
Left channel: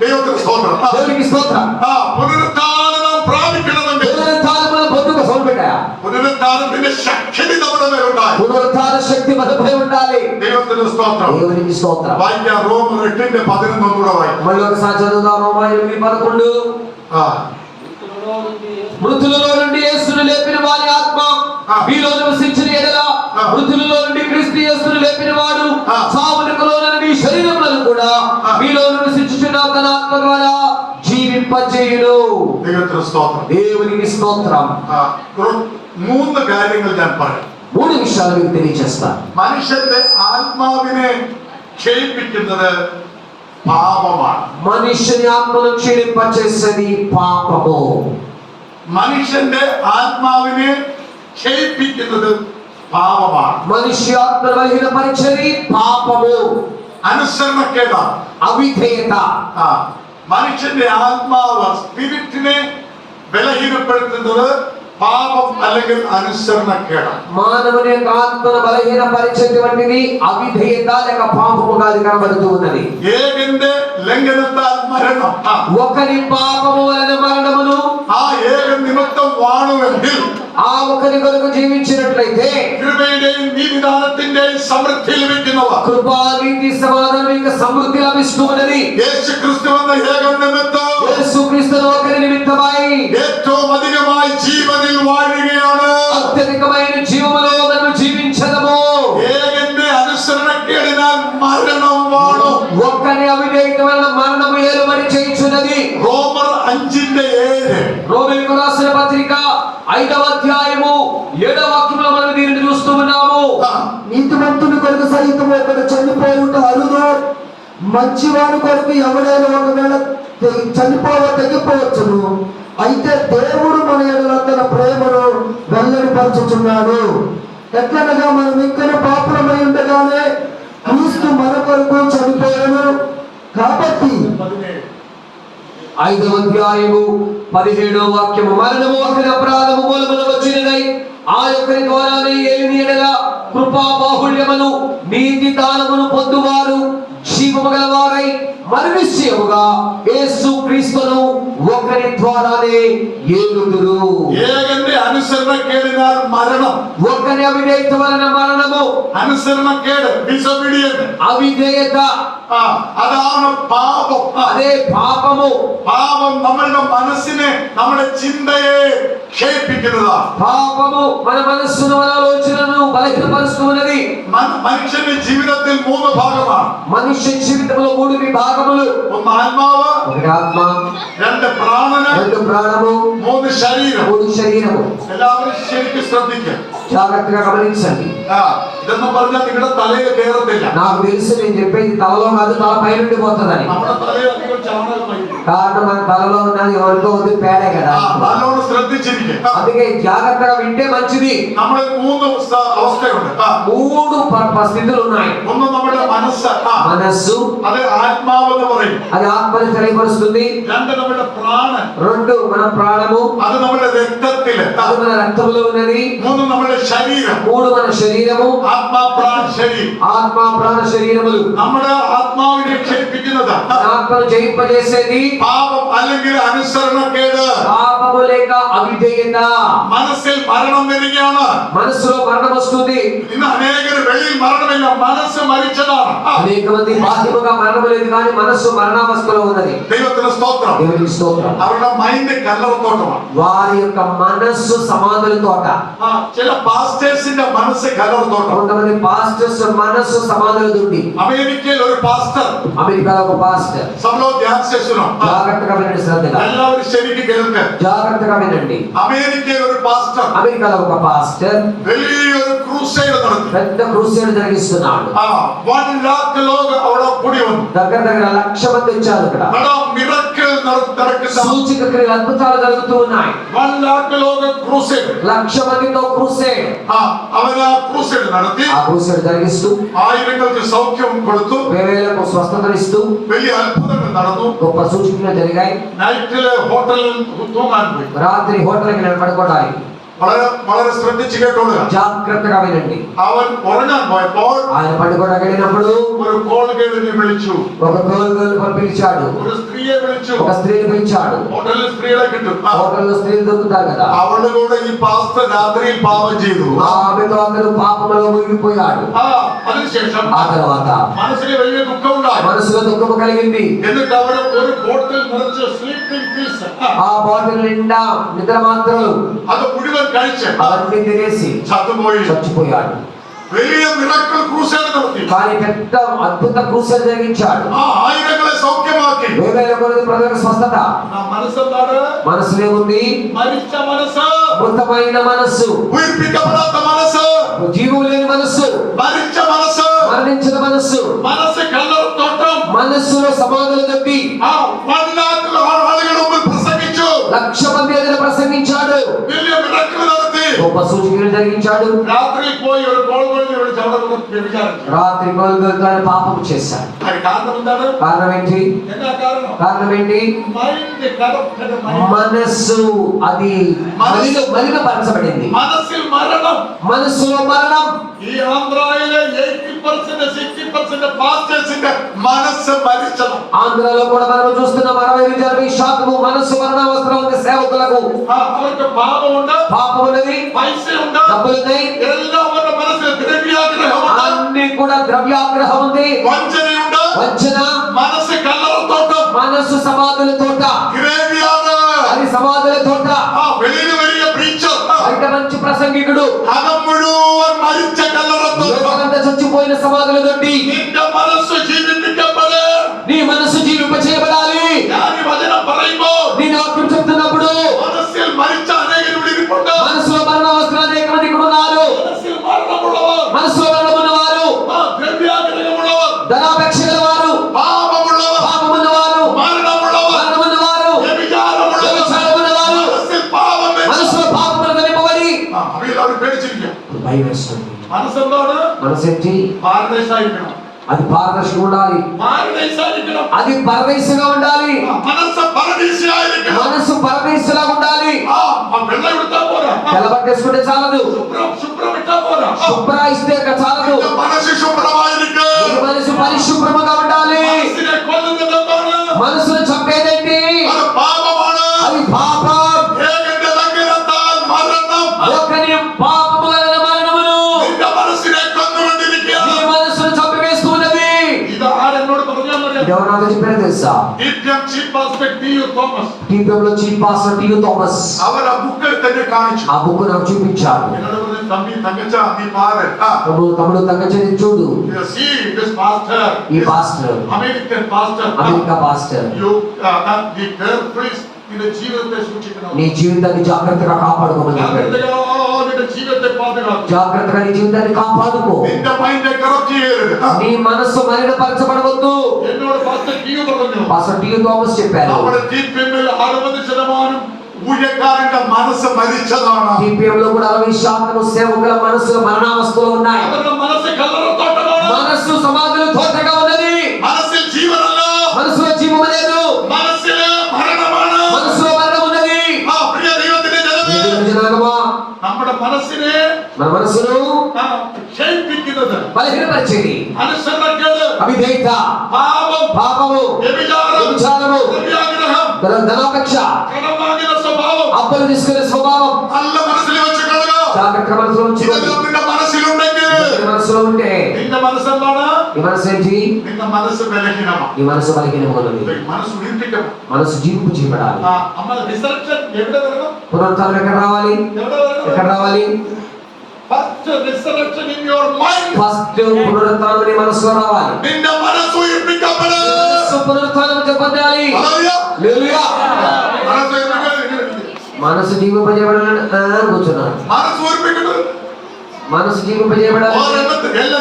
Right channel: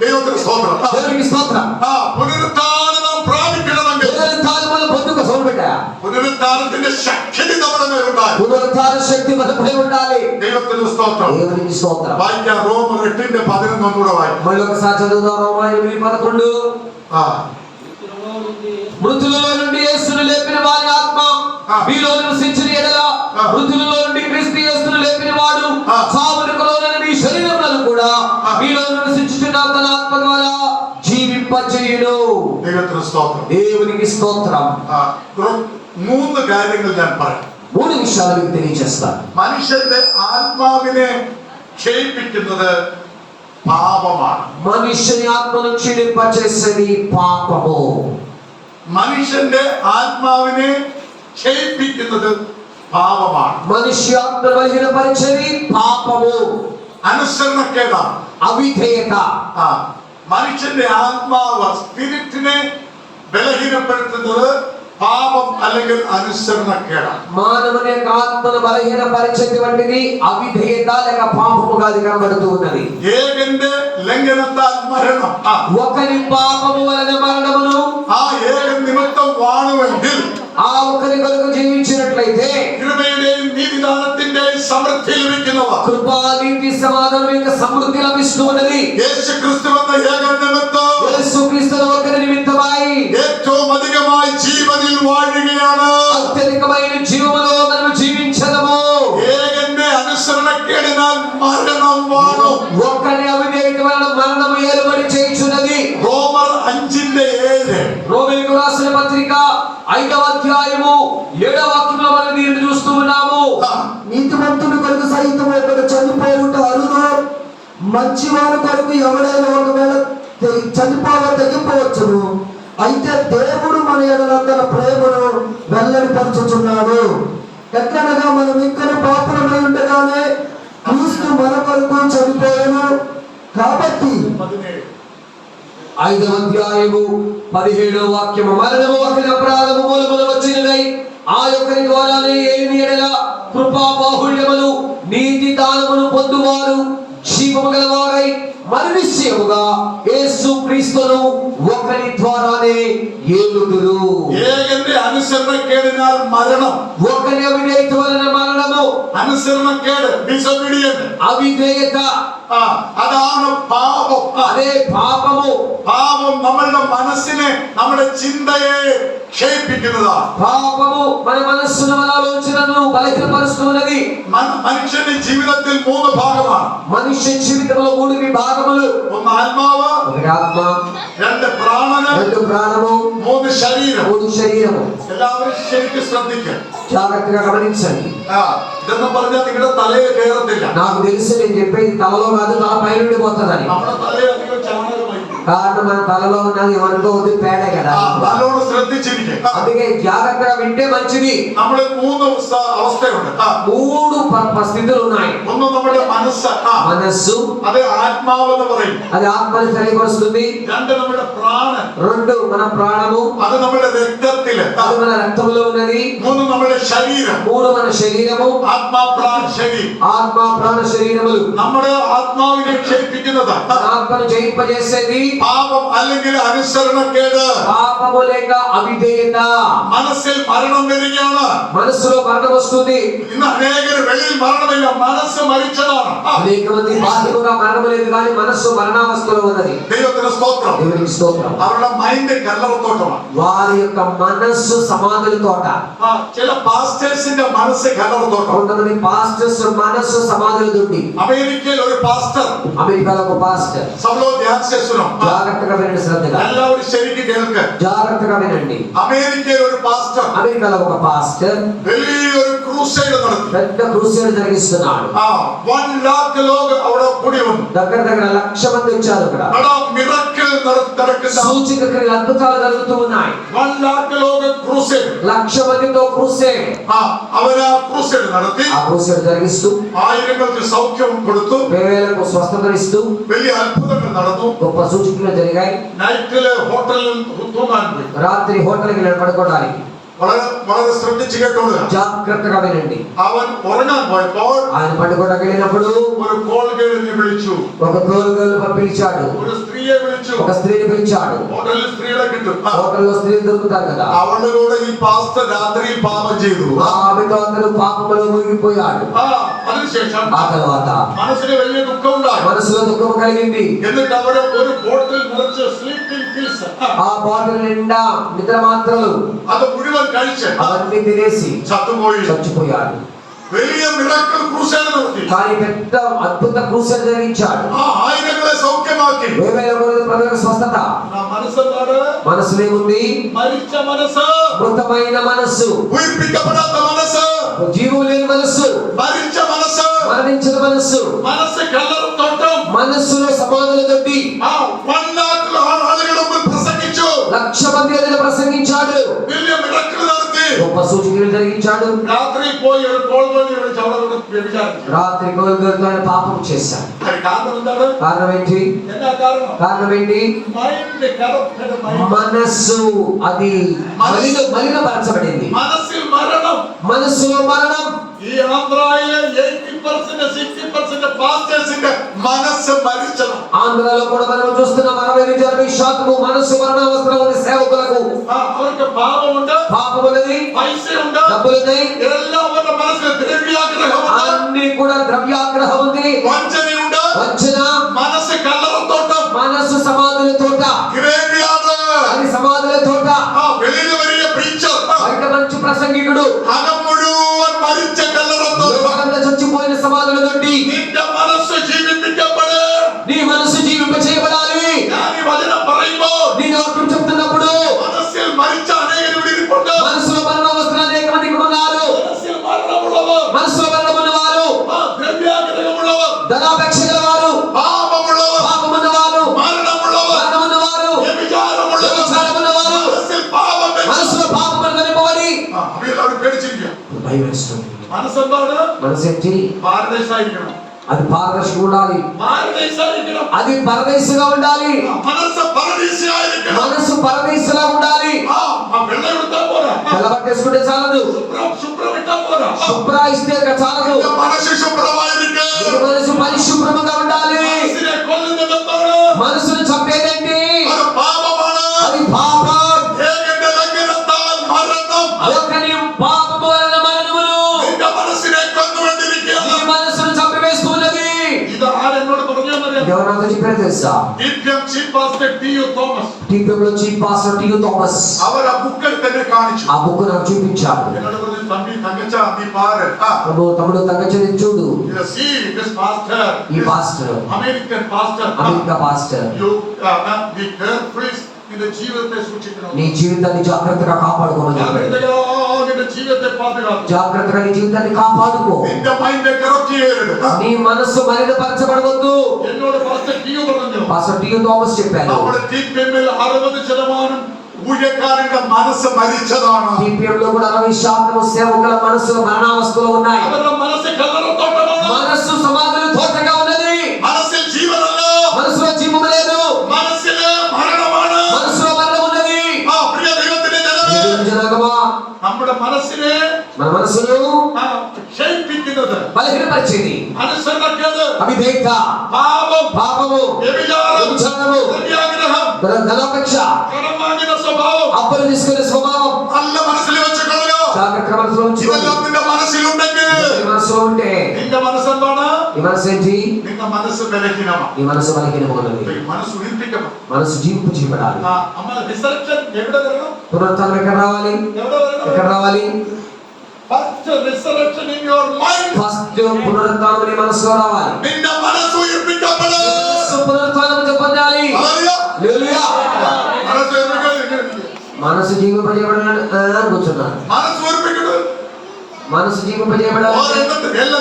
ദൈവത്തിന് സ്തോത്രം. దేవునికి స్తోత్రం. പുനരുത്ഥാനം നാം പ്രാപിക്കണമെങ്കിൽ పునరుత్థానం మనం పొందుకో సోల్బెట్ట. പുനരുത്ഥാനത്തിന്റെ ശക്തി നമ്മുടെ മേലുണ്ടായി. పునరుత్థాన శక్తి మనపై ఉండాలి. ദൈവത്തിന് സ്തോത്രം. దేవునికి స్తోత్రం. വായിക്കാം റോമർ 8:11 കൂടെ വായിക്കാം. మళ్ళీ ఒకసారి చదువుదాం. రోమా 8:11. మృతులలో నుండి యేసును లేపిన వారి ఆత్మ మీలో నివసించిన ఎడల మృతులలో నుండి క్రీస్తు యేసును లేపిన వాడు చావునకు లోనైన మీ శరీరములను కూడా మీలో నివసించుచున్న తన ఆత్మ ద్వారా జీవింపజేయును. ദൈവത്തിന് സ്തോത്രം. దేవునికి స్తోత్రం. മൂന്ന് കാര്യങ്ങൾ ഞാൻ പറയാം. 3 విషయాలు మీకు తెలియజేస్తాను. മനുഷ്യന്റെ ആത്മാവിനെ ക്ഷയിപ്പിക്കുന്നത് പാപമാണ്. మనుష్యుని ఆత్మను క్షీణింపచేసేది పాపము. മനുഷ്യന്റെ ആത്മാവിനെ ക്ഷയിപ്പിക്കുന്നത് പാപമാണ്. మనుష్య ఆత్మను బలహీనపరిచేది పాపము. അനുസരണക്കേടാണ്. అవిధేయత. മനുഷ്യന്റെ ആത്മാവ് സ്പിരിറ്റിനെ ബലഹീനപ്പെടുത്തുന്നത് പാപം അല്ലെങ്കിൽ അനുസരണക്കേടാണ്. మానవుని యొక్క ఆత్మను బలహీనపరిచేటువంటిది అవిధేయత లేక పాపముగా అది కనబడుతూ ఉన్నది. ഏകന്റെ ലംഘനത്താൽ മരണം. ఒకరి పాపము వలన మరణమును ആ ഏകൻ നിമിത്തം വാണുവെങ്കിൽ ఆ ఒకరి కొరకు జీవించినట్లయితే കൃപയുടെയും നീതിദാനത്തിന്റെയും സമൃദ്ധി ലഭിക്കുന്നവർ కృపా నీతి సమాధానం యొక్క సమృద్ధి లభిస్తూ ఉన్నది. യേശുക്രിസ്തു എന്ന ഏകൻ നിമിത്തം యేసుక్రీస్తును ఒకరి నిమిత్తమై ഏറ്റവും അധികമായി ജീവനിൽ വാഴുകയാണ്. అత్యధికమైన జీవములో మనం జీవించదము. ഏകന്റെ അനുസരണക്കേടിനാൽ മരണം വാണു. ఒక్కరి అవిధేయత వలన మరణము ఏలుబడి చేయుచున్నది. റോമർ 5:7. రోమీయులకు రాసిన పత్రిక 5వ అధ్యాయము 7వ వాక్యంలో మనం దీనిని చూస్తూ ఉన్నాము. నీతిమంతుని కొరకు సైతం ఒకడు చనిపోవుట అరుదు, మంచివాని కొరకు ఎవడైనా ఒకవేళ చనిపోవ తెగిపోవచ్చును. అయితే దేవుడు మన ఎడల తన ప్రేమను వెల్లడిపరచుచున్నాడు. ఎట్లనగా మనం ఇంకా పాపులమై ఉండగానే క్రీస్తు మన కొరకు చనిపోయాను. కాబట్టి 5వ అధ్యాయము 17వ వాక్యము, మరణము ఒకరి అపరాధము మూలమున వచ్చినదై ఆ యొక్కరి ద్వారానే ఏలిన ఎడల కృపా బాహుళ్యమును నీతి దానమును పొందువారు జీవము గలవారై మరి నిశ్చయముగా యేసు క్రీస్తును ఒకరి ద్వారానే ఏలుదురు. ഏകന്റെ അനുസരണക്കേടിനാൽ മരണം ఒకని అవిధేయత వలన మరణము, അനുസരണക്കേട്, ഡിസൊബീഡിയന്റ്, అవిధేయత അതാണ് പാപം. అదే పాపము. പാപം നമ്മളുടെ മനസ്സിനെ, നമ്മുടെ ചിന്തയെ ക്ഷയിപ്പിക്കുന്നതാണ്. పాపము మన మనస్సును, మన ఆలోచనను బలహీనపరుస్తున్నది. മനുഷ്യന്റെ ജീവിതത്തിൽ 3 ഭാഗമാണ്. మనుష్య జీవితంలో 3 విభాగములు. ഒന്ന് ആത്മാവ്, ఒకటి ఆత్మ, 2 പ്രാണന്, 2 ప్రాణము, 3 ശരീരം. 3 శరీరము. എല്ലാവരും ശരിക്കും ശ്രദ്ധിക്കുക. జాగ్రత్తగా గమనించండి. ഇതെന്ന് പറഞ്ഞാൽ നിങ്ങളുടെ തലയിൽ കയറത്തില്ല. నాకు తెలుసు నేను చెప్పేది తలలో కాదు, తల పైన ఉండిపోతుందని. നമ്മുടെ തലയിൽ അധികം ചാണകമായി. కారణం మన తలలో ఉన్నది ఏమనుకోవద్దు, పేడే కదా. നല്ലോണം ശ്രദ്ധിച്ചിരിക്കുക. అందుకే జాగ్రత్తగా వింటే మంచిది. നമ്മൾ 3 അവസ്ഥയുണ്ട്. 3 స్థితులు ఉన్నాయి. ഒന്ന് നമ്മുടെ മനസ്സ്, మనస్సు, അത് ആത്മാവെന്ന് പറയും. అది ఆత్మని తెలియపరుస్తుంది. 2 നമ്മുടെ ప్రాణൻ, 2 మన ప్రాణము, അത് നമ്മുടെ രക്തത്തില്. అది మన రక్తములో ఉన్నది. 3 നമ്മുടെ ശരീരം, 3 మన శరీరము, ആത്മാ പ്രാൺ ശരീരം. ఆత్మ ప్రాణ శరీరములు. നമ്മുടെ ആത്മാവിനെ ക്ഷയിപ്പിക്കുന്നത് ఆత్మను జయింపజేసేది പാപം അല്ലെങ്കിൽ അനുസരണക്കേട്. పాపము లేక అవిధేయత. മനസ്സിൽ മരണം വരികയാണ്. మనసులో మరణం వస్తుంది. ഇന്ന് അനേകർ വെളിയിൽ മരണമില്ല, മനസ്സ് മരിച്ചതാണ്. అనేక మంది బాధ్యతగా మరణము లేదు, కానీ మనస్సు మరణావస్థలో ఉన్నది. ദൈവത്തിന് സ്തോത്രം. దేవునికి స్తోత్రం. അവരുടെ മൈൻഡ് കല്ലറത്തോട്ടമാണ്. వారి యొక్క మనస్సు సమాధుల తోట. ചില പാസ്റ്റേഴ്സിന്റെ മനസ്സ് കല്ലറത്തോട്ടം. కొంతమంది పాస్టర్స్ మనస్సు సమాధుల దుండి. അമേരിക്കയിൽ ഒരു പാസ്റ്റർ, అమెరికాలో ఒక పాస్టర్. സഭలో ധ്യാന സെഷനോ, జాగ్రత్తగా వినండి, శ్రద్ధగా എല്ലാവരും ശരിക്കും കേൾക്കുക. జాగ్రత్తగా వినండి. അമേരിക്കയിൽ ഒരു പാസ്റ്റർ అమెరికాలో ఒక పాస్టర్ വലിയൊരു ക്രൂസൈഡ് നടത്തി. పెద్ద క్రూసేడ్ జరిగిస్తున్నాడు. 1 lakh ലോക അവിടെ കൂടി വന്നു. దగ్గర దగ్గర 1,00,000 మంది వచ్చారు. ఇక్కడ മിറക്കിൾ നടക്കുന്ന సూచక క్రియలు, అద్భుతాలు జరుగుతూ ఉన్నాయి. 1 lakh ലോക ക്രൂസൈഡ്. 1,00,000 మందితో క్రూసేడ్. അവര് ആ ക്രൂസൈഡ് നടത്തി. ఆ క్రూసేడ్ జరిగిస్తూ ആയിരങ്ങൾക്ക് സൗഖ്യം കൊടുത്തു. వేవేలకు స్వస్థతలు ఇస్తూ വലിയ అద్భుతങ്ങൾ നടന്നു. గొప్ప సూచనలు జరిగాయి. നൈറ്റില് ഹോട്ടലിൽ തൂങ്ങാൻ പോയി. రాత్రి హోటల్కి పడుకోవడానికి. വളരെ വളരെ ശ്രദ്ധിച്ചു കേട്ടോളുക. జాగ్రత్తగా వినండి. അവൻ ഉറങ്ങാൻ പോയപ്പോൾ ఆయన పడుకోవడానికి వెళ్ళినప్పుడు ഒരു കോൾ ഗേളിനെ വിളിച്ചു. ఒక గోల్గోలు పిలిచాడు. ഒരു സ്ത്രീയെ വിളിച്ചു. ఒక స్త్రీని పిలిచాడు. ഹോട്ടലിൽ സ്ത്രീകളെ കിട്ടും. హోటల్లో స్త్రీలు దొరుకుతారు కదా. അവളുടെ കൂടെ ഈ പാസ്റ്റർ രാത്രിയിൽ പാപം ചെയ്തു. ఆమెతో అతను పాపంలో మునిగిపోయాడు. അതിനുശേഷം ఆ తర్వాత മനസ്സിന് വലിയ ദുഃഖം ഉണ്ടായി. మనసులో దుఃఖం కలిగింది. എന്നിട്ട് അവര് ഒരു ബോട്ടിൽ നിറച്ച് സ്ലീപ്പിംഗ് പിൽസ്, ఆ బాటిల్ నిండా నిద్ర మాత్రలు അത് മുഴുവൻ കഴിച്ച് అవన్నీ తినేసి ചത്തുപോയി. చచ్చిపోయాడు. വലിയ മിറക്കിൾ ക്രൂസൈഡ് നടത്തി. కానీ పెద్ద అద్భుత క్రూసేడ్ జరిగించాడు. ആയിരങ്ങളെ സൗഖ്യമാക്കി. వేవేల కొలది ప్రజలకు స్వస్థత. മനസ്സെന്താണ്? మనసులేముంది? മരിച്ച മനസ്സ്, మృతమైన మనస్సు, ഉയർപ്പിക്കപ്പെടാത്ത മനസ്സ്, జీవం లేని మనస్సు, മരിച്ച മനസ്സ്, మరణించిన మనస్సు, മനസ്സ് കല്ലറത്തോട്ടം. మనస్సులో సమాధులు తవ్వి 1 lakh ആളുകളുടെ മുമ്പിൽ പ്രസംഗിച്ചു. 1,00,000 మంది ఎదుట ప్రసంగించాడు. വലിയ മിറക്കിൾ നടത്തി. గొప్ప సూచనలు జరిగించాడు. രാത്രി പോയി ഒരു കോൾ ഗേളിനെ വിളിച്ച് അവിടെ കൊണ്ട് വ്യഭിചാരിച്ചു. రాత్రి గోల్గోలు పాపం చేశాడు. అది కారణం എന്താണ്? కారణం ఏంటి? എന്താ കാരണം? కారణం ఏంటి? Mind corrupted mind. మనస్సు అది మలినపరచబడింది. മനസ്സിൽ മരണം. మనస్సులో మరణం. ഈ ആന്ധ്രയിലെ 80% 60% പാസ്റ്റേഴ്സിന്റെ മനസ്സ് മരിച്ചതാണ്. ఆంధ్రలో కూడా మనం చూస్తున్నాం 60-70% మనస్సు మరణావస్థలో ఉంది. సేవకులకు അവർക്ക് പാപമുണ്ട്, పాపమున్నది, പൈസയുണ്ട്, డబ్బులున్నాయి, എല്ലാം അവരുടെ മനസ്സിൽ ദ്രവ്യാഗ്രഹമുണ്ട്, అన్ని కూడా ద్రవ్యాగ్రహం ఉంది, വഞ്ചനയുണ്ട്. వంచన. മനസ്സ് കല്ലറത്തോട്ടം. మనస్సు సమాధుల తోట. ഗ്രേവിയാണ്. అది సమాధుల తోట. വെളിയിൽ വലിയ പ്രീച്ചർ, బయట మంచి ప్రసంగికుడు, അകം മുഴുവൻ മരിച്ച കല്ലറത്തോട്ടം. లోకమంతా చచ్చిపోయిన సమాధుల నుండి നിന്റെ മനസ്സ് ജീവിപ്പിക്കപ്പെട്. నీ మనస్సు జీవింప చేయబడాలి. ഞാൻ ഈ വചനം പറയുമ്പോൾ నీ వాక్యం చెప్తున్నప్పుడు മനസ്സിൽ മരിച്ച അനേകരുടെ ഇരിപ്പുണ്ട്. మనసులో మరణావస్థలు అనేక మంది ఇక్కడ ఉన్నారు. മനസ്സിൽ മരണമുള്ളവർ, మనసులో మరణం ఉన్నవారు, ദ്രവ്യാഗ്രഹമുള്ളവർ, ధనాపేక్ష గలవారు, പാപമുള്ളവർ, పాపమున్నవారు, മരണമുള്ളവർ, మరణమున్నవారు, വ്യഭിചാരമുള്ളവർ, వ్యభిచారమున్నవారు, മനസ്സിൽ പാപം വെച്ച് మనసులో పాపములు నింపబడి അവരെല്ലാവരും പേടിച്ചിരിക്കുക. భయం వేస్తుంది. മനസ്സെന്താണ്? మనసేంటి? പാരദൈസായിരിക്കണം. అది పారదర్శకంగా ఉండాలి. പാരദൈസായിരിക്കണം. అది పరదేశంగా ఉండాలి. മനസ്സ് പരദീസയായിരിക്കണം. మనసు పరదేశంగా ఉండాలి. വെള്ളം എടുത്താൽ പോരാ, తెల్లబట్టేసుకుంటే చాలదు, ശുഭ്രം ఇట్టా పోరా. శుభ్ర ఇస్తే చాలదు. മനസ്സ് ശുഭ്രമായിരിക്കും. నీ మనసు పరిశుభ్రంగా ఉండాలి. മനസ്സിനെ കൊല്ലുന്നത് എന്താണ്? మనసును చంపేదేంటి? അത് പാപമാണ്. అది పాపం. ഏകന്റെ ലംഘനത്താൽ മരണം. ఒకని పాపము వలన మాతో చెప్పారు తెలుసా? DPM chief pastor T.U. Thomas TPM లో చీఫ్ పాస్టర్ టి.యు. థామస్ అవర్ ఆ బుక్ തന്നെ കാണിച്ചു. ఆ బుక్ నాకు చూపించాడు. എന്നോട് പറഞ്ഞു തമ്പി തങ്കച്ച നീ പാറ്. తమ్ముడు తగ్గచ్చని చూడు. See this pastor. ఈ pastor American pastor. America pastor. You the careful నిన్న జీవితాన్ని సూచించను. నీ జీవితాన్ని జాగ్రత్తగా కాపాడుకోమని చెప్పాడు. నిన్న జీవితాన్ని పాడుకోవాలి. జాగ్రత్తగా నీ జీవితాన్ని కాపాడుకో. నిన్న మైండ్ కరప్ట్ చేయరు. నీ మనస్సు మలినపరచబడవద్దు. എന്നോട് പാസ്റ്റർ T.U. പറഞ്ഞു. పాస్టర్ టి.యు. థామస్ చెప్పారు. നമ്മുടെ ടിപിഎമ്മിൽ 60% ఊഴിయకారుల మనసు మరిచదాన. టీపీఎం లో కూడా 60% సేవకుల మనసు మరణావస్థలో ఉన్నాయి. ಅವರ మనసు కల్లర తోటలో. మనస్సు సమాధిలో తోటగా ఉన్నది. మనసు జీవనల్ల. మనసులో జీవము లేదు. మనసులో మరణമാണ്. మనసులో మరణం ఉన్నది. ఆ ప్రియ దేవుని జనాంగమా, നമ്മുടെ మనసునే మన మనసును క్షేమించినది. బలహీనపరిచేది. అనుసరణకేడు. అవిధేయత, పాపము, వ్యభిచారము, ధనాపేక్ష, కడమాగిన స్వభావం, అప్పులు తీసుకునే స్వభావం అల్ల మనసులో వచ్చుకోగా. జాగ్రత్తగా మనసులో ఉంచుకోవాలి. నిన్న మనసులో ఉండేది. మనసులో ఉంటే నిన్న మనసు అన్నాడా? ఈ మనసు ఏంటి? నిన్న మనసు బలహీనమా. ఈ మనసు బలహీనమైనది. మనసు నింపికమా. మనసు జీవింపు చేయబడాలి. అమ్మ రిసర్చర్ ఎక్కడ జరగదు? పునరుత్థానం ఎక్కడ రావాలి? ఎక్కడ రావాలి? First researcher in your mind. First పునరుత్థానం నీ మనసులో రావాలి. నిన్న మనసు నింపికపడాలి. మనసు పునరుత్థానం చెప్పాలి. హల్లెలూయా. మనసు నింపికపడాలి. మనసు జీవింపజేయబడాలి కూర్చున్నాను. మనసు నింపికపడాలి. మనసు జీవింపజేయబడాలి.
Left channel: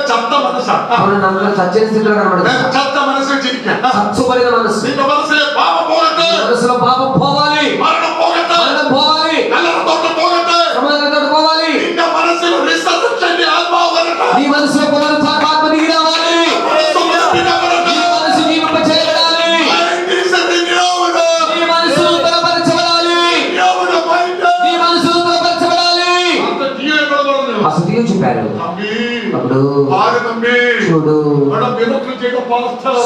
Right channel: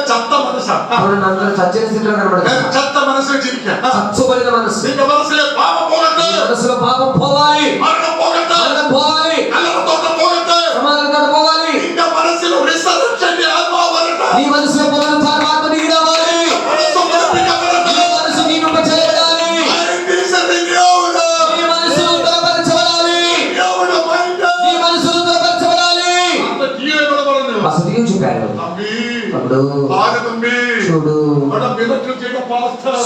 చెత్త మనసు. అవును, అందరూ చచ్చని స్థితిలో కనబడుతుంది. చెత్త మనసు చచ్చుబడిన మనసు. మనసులో పాపం పోగొట్టు. మనసులో పాపం పోవాలి. మరణం పోగొట్టు. మరణం పోవాలి. కల్లర తోట పోగొట్టు. సమాధి తోట పోవాలి. నిన్న మనసులో రిసర్చర్ ఆత్మ వరట. నీ మనసులో పునరుత్థానం ఆత్మ దిగి రావాలి. మనసు నింపికపడాలి. నీ మనసు జీవింపజేయబడాలి. నీ మనసు బలపరచబడాలి. నీ మనసు బలపరచబడాలి. అసలు ఏం చెప్పారు? అప్పుడు చూడు,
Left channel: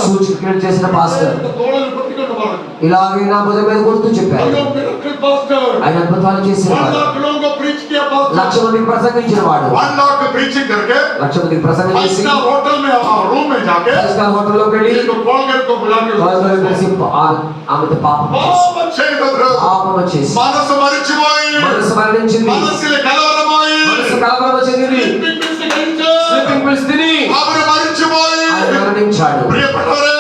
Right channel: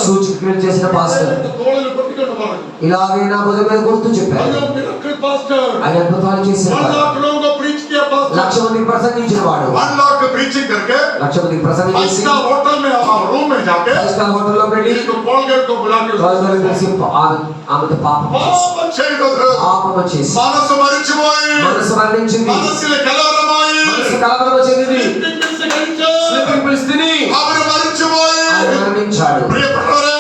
సూచక్రియలు చేసిన పాస్టర్ ఇలాగే నా భుజం మీద కొడుతూ చెప్పారు. ఆయన అద్భుతాలు చేసిన వాడు, 1,00,000 మందికి ప్రసంగించిన వాడు, 1,00,000 మందికి ప్రసంగం చేసి ఫైవ్ స్టార్ హోటల్లోకి వెళ్ళి ఆమెతో పాపం చేసి మనసు మరిచిపోయి మనసు మరణించింది. మనసు కలవరమై మనసు కలవరం చెందింది. స్లీపింగ్ పిల్స్ తిని അവര് മരിച്ചുപോയി. ఆయన మరణించాడు. പ്രിയപ്പെട്ടവരെ,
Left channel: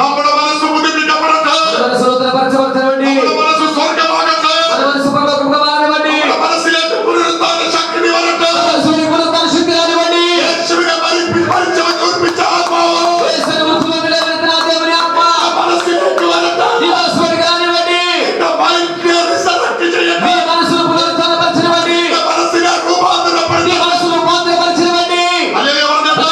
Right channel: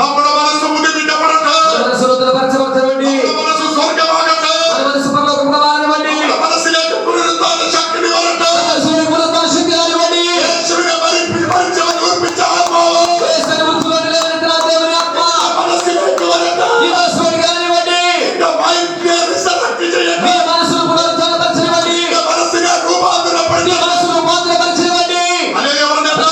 നമ്മുടെ മനസ്സ് പുതുപ്പിക്കപ്പെടട്ടെ. మనసు నూతనపరచబడనివ్వండి. നമ്മുടെ മനസ്സ് സ്വർഗ്ഗമാകട്ടെ. మన మనసు పరలోకముగా మారనివ్వండి. നമ്മുടെ മനസ്സിലേക്ക് പുനരുത്ഥാന ശക്തി വരട്ടെ. మనసులోని పునరుత్థాన శక్తి రానివ్వండి. യേശുവിനെ മരിച്ചവൻ ഉയർപ്പിച്ച ആത്മാവ് యేసుని మృతుల్లోకి లేవనెత్తిన ఆ దేవుని ఆత్మ മനസ്സിലേക്ക് വരട്ടെ. నీ మనసులోకి రానివ్వండి. നിന്റെ മൈൻഡിനെ resurrect ചെയ്യട്ടെ. నీ మనసును పునరుత్థానపరచనివ్వండి. നിന്റെ മനസ്സിനെ నీ രൂപാന്തരപ്പെടുത്തട്ടെ. మనసును రూపాంతరపరచనివ్వండి. ഹല്ലേലൂയ പറഞ്ഞാട്ടെ.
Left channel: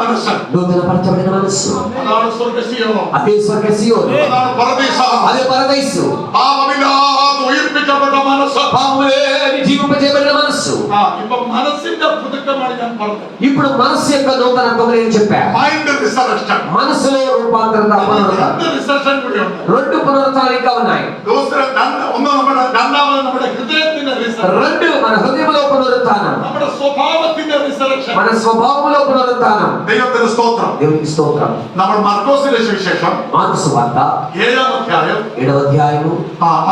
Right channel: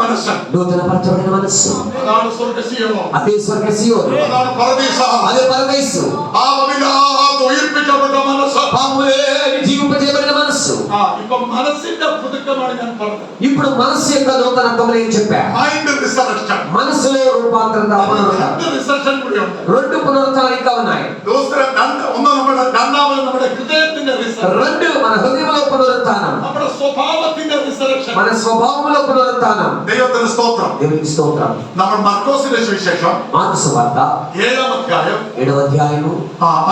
മനസ്സ് నూతనపరచబడిన మనస్సు അതാണ് സ്വർഗ്ഗസീയം. అదే స్వర్గ సీయోను. അതാണ് പരദീസം. అదే పరదైసు. പാപമില്ലാതെ ഉയർപ്പിക്കപ്പെട്ട മനസ്സ്. పాపములేని జీవింపజేయబడిన మనస్సు. ഇപ്പൊ മനസ്സിന്റെ പുതുക്കമാണ് ഞാൻ പറഞ്ഞത്. ఇప్పుడు మనస్సు యొక్క నూతనత్వం నేను చెప్పా. Mind resurrection. మనసులో రూపాంతరం పునరుత్థానం. രണ്ട് റിസറക്ഷൻ കൂടിയുണ്ട്. రెండు పునరుత్థానాలు ఇంకా ఉన్నాయి. ഒന്ന് നമ്മുടെ രണ്ടാമത് നമ്മുടെ ഹൃദയത്തിന്റെ റിസറക്ഷൻ. రెండు మన హృదయంలో పునరుత్థానం. നമ്മുടെ സ്വഭാവത്തിന്റെ റിസറക്ഷൻ. మన స్వభావంలో పునరుత్థానం. ദൈവത്തിന് സ്തോത്രം. దేవునికి స్తోత్రం. നമ്മൾ മർക്കോസിന്റെ സുവിശേഷം మార్కు సువార్త 7ാം അധ്യായം 7వ అధ్యాయము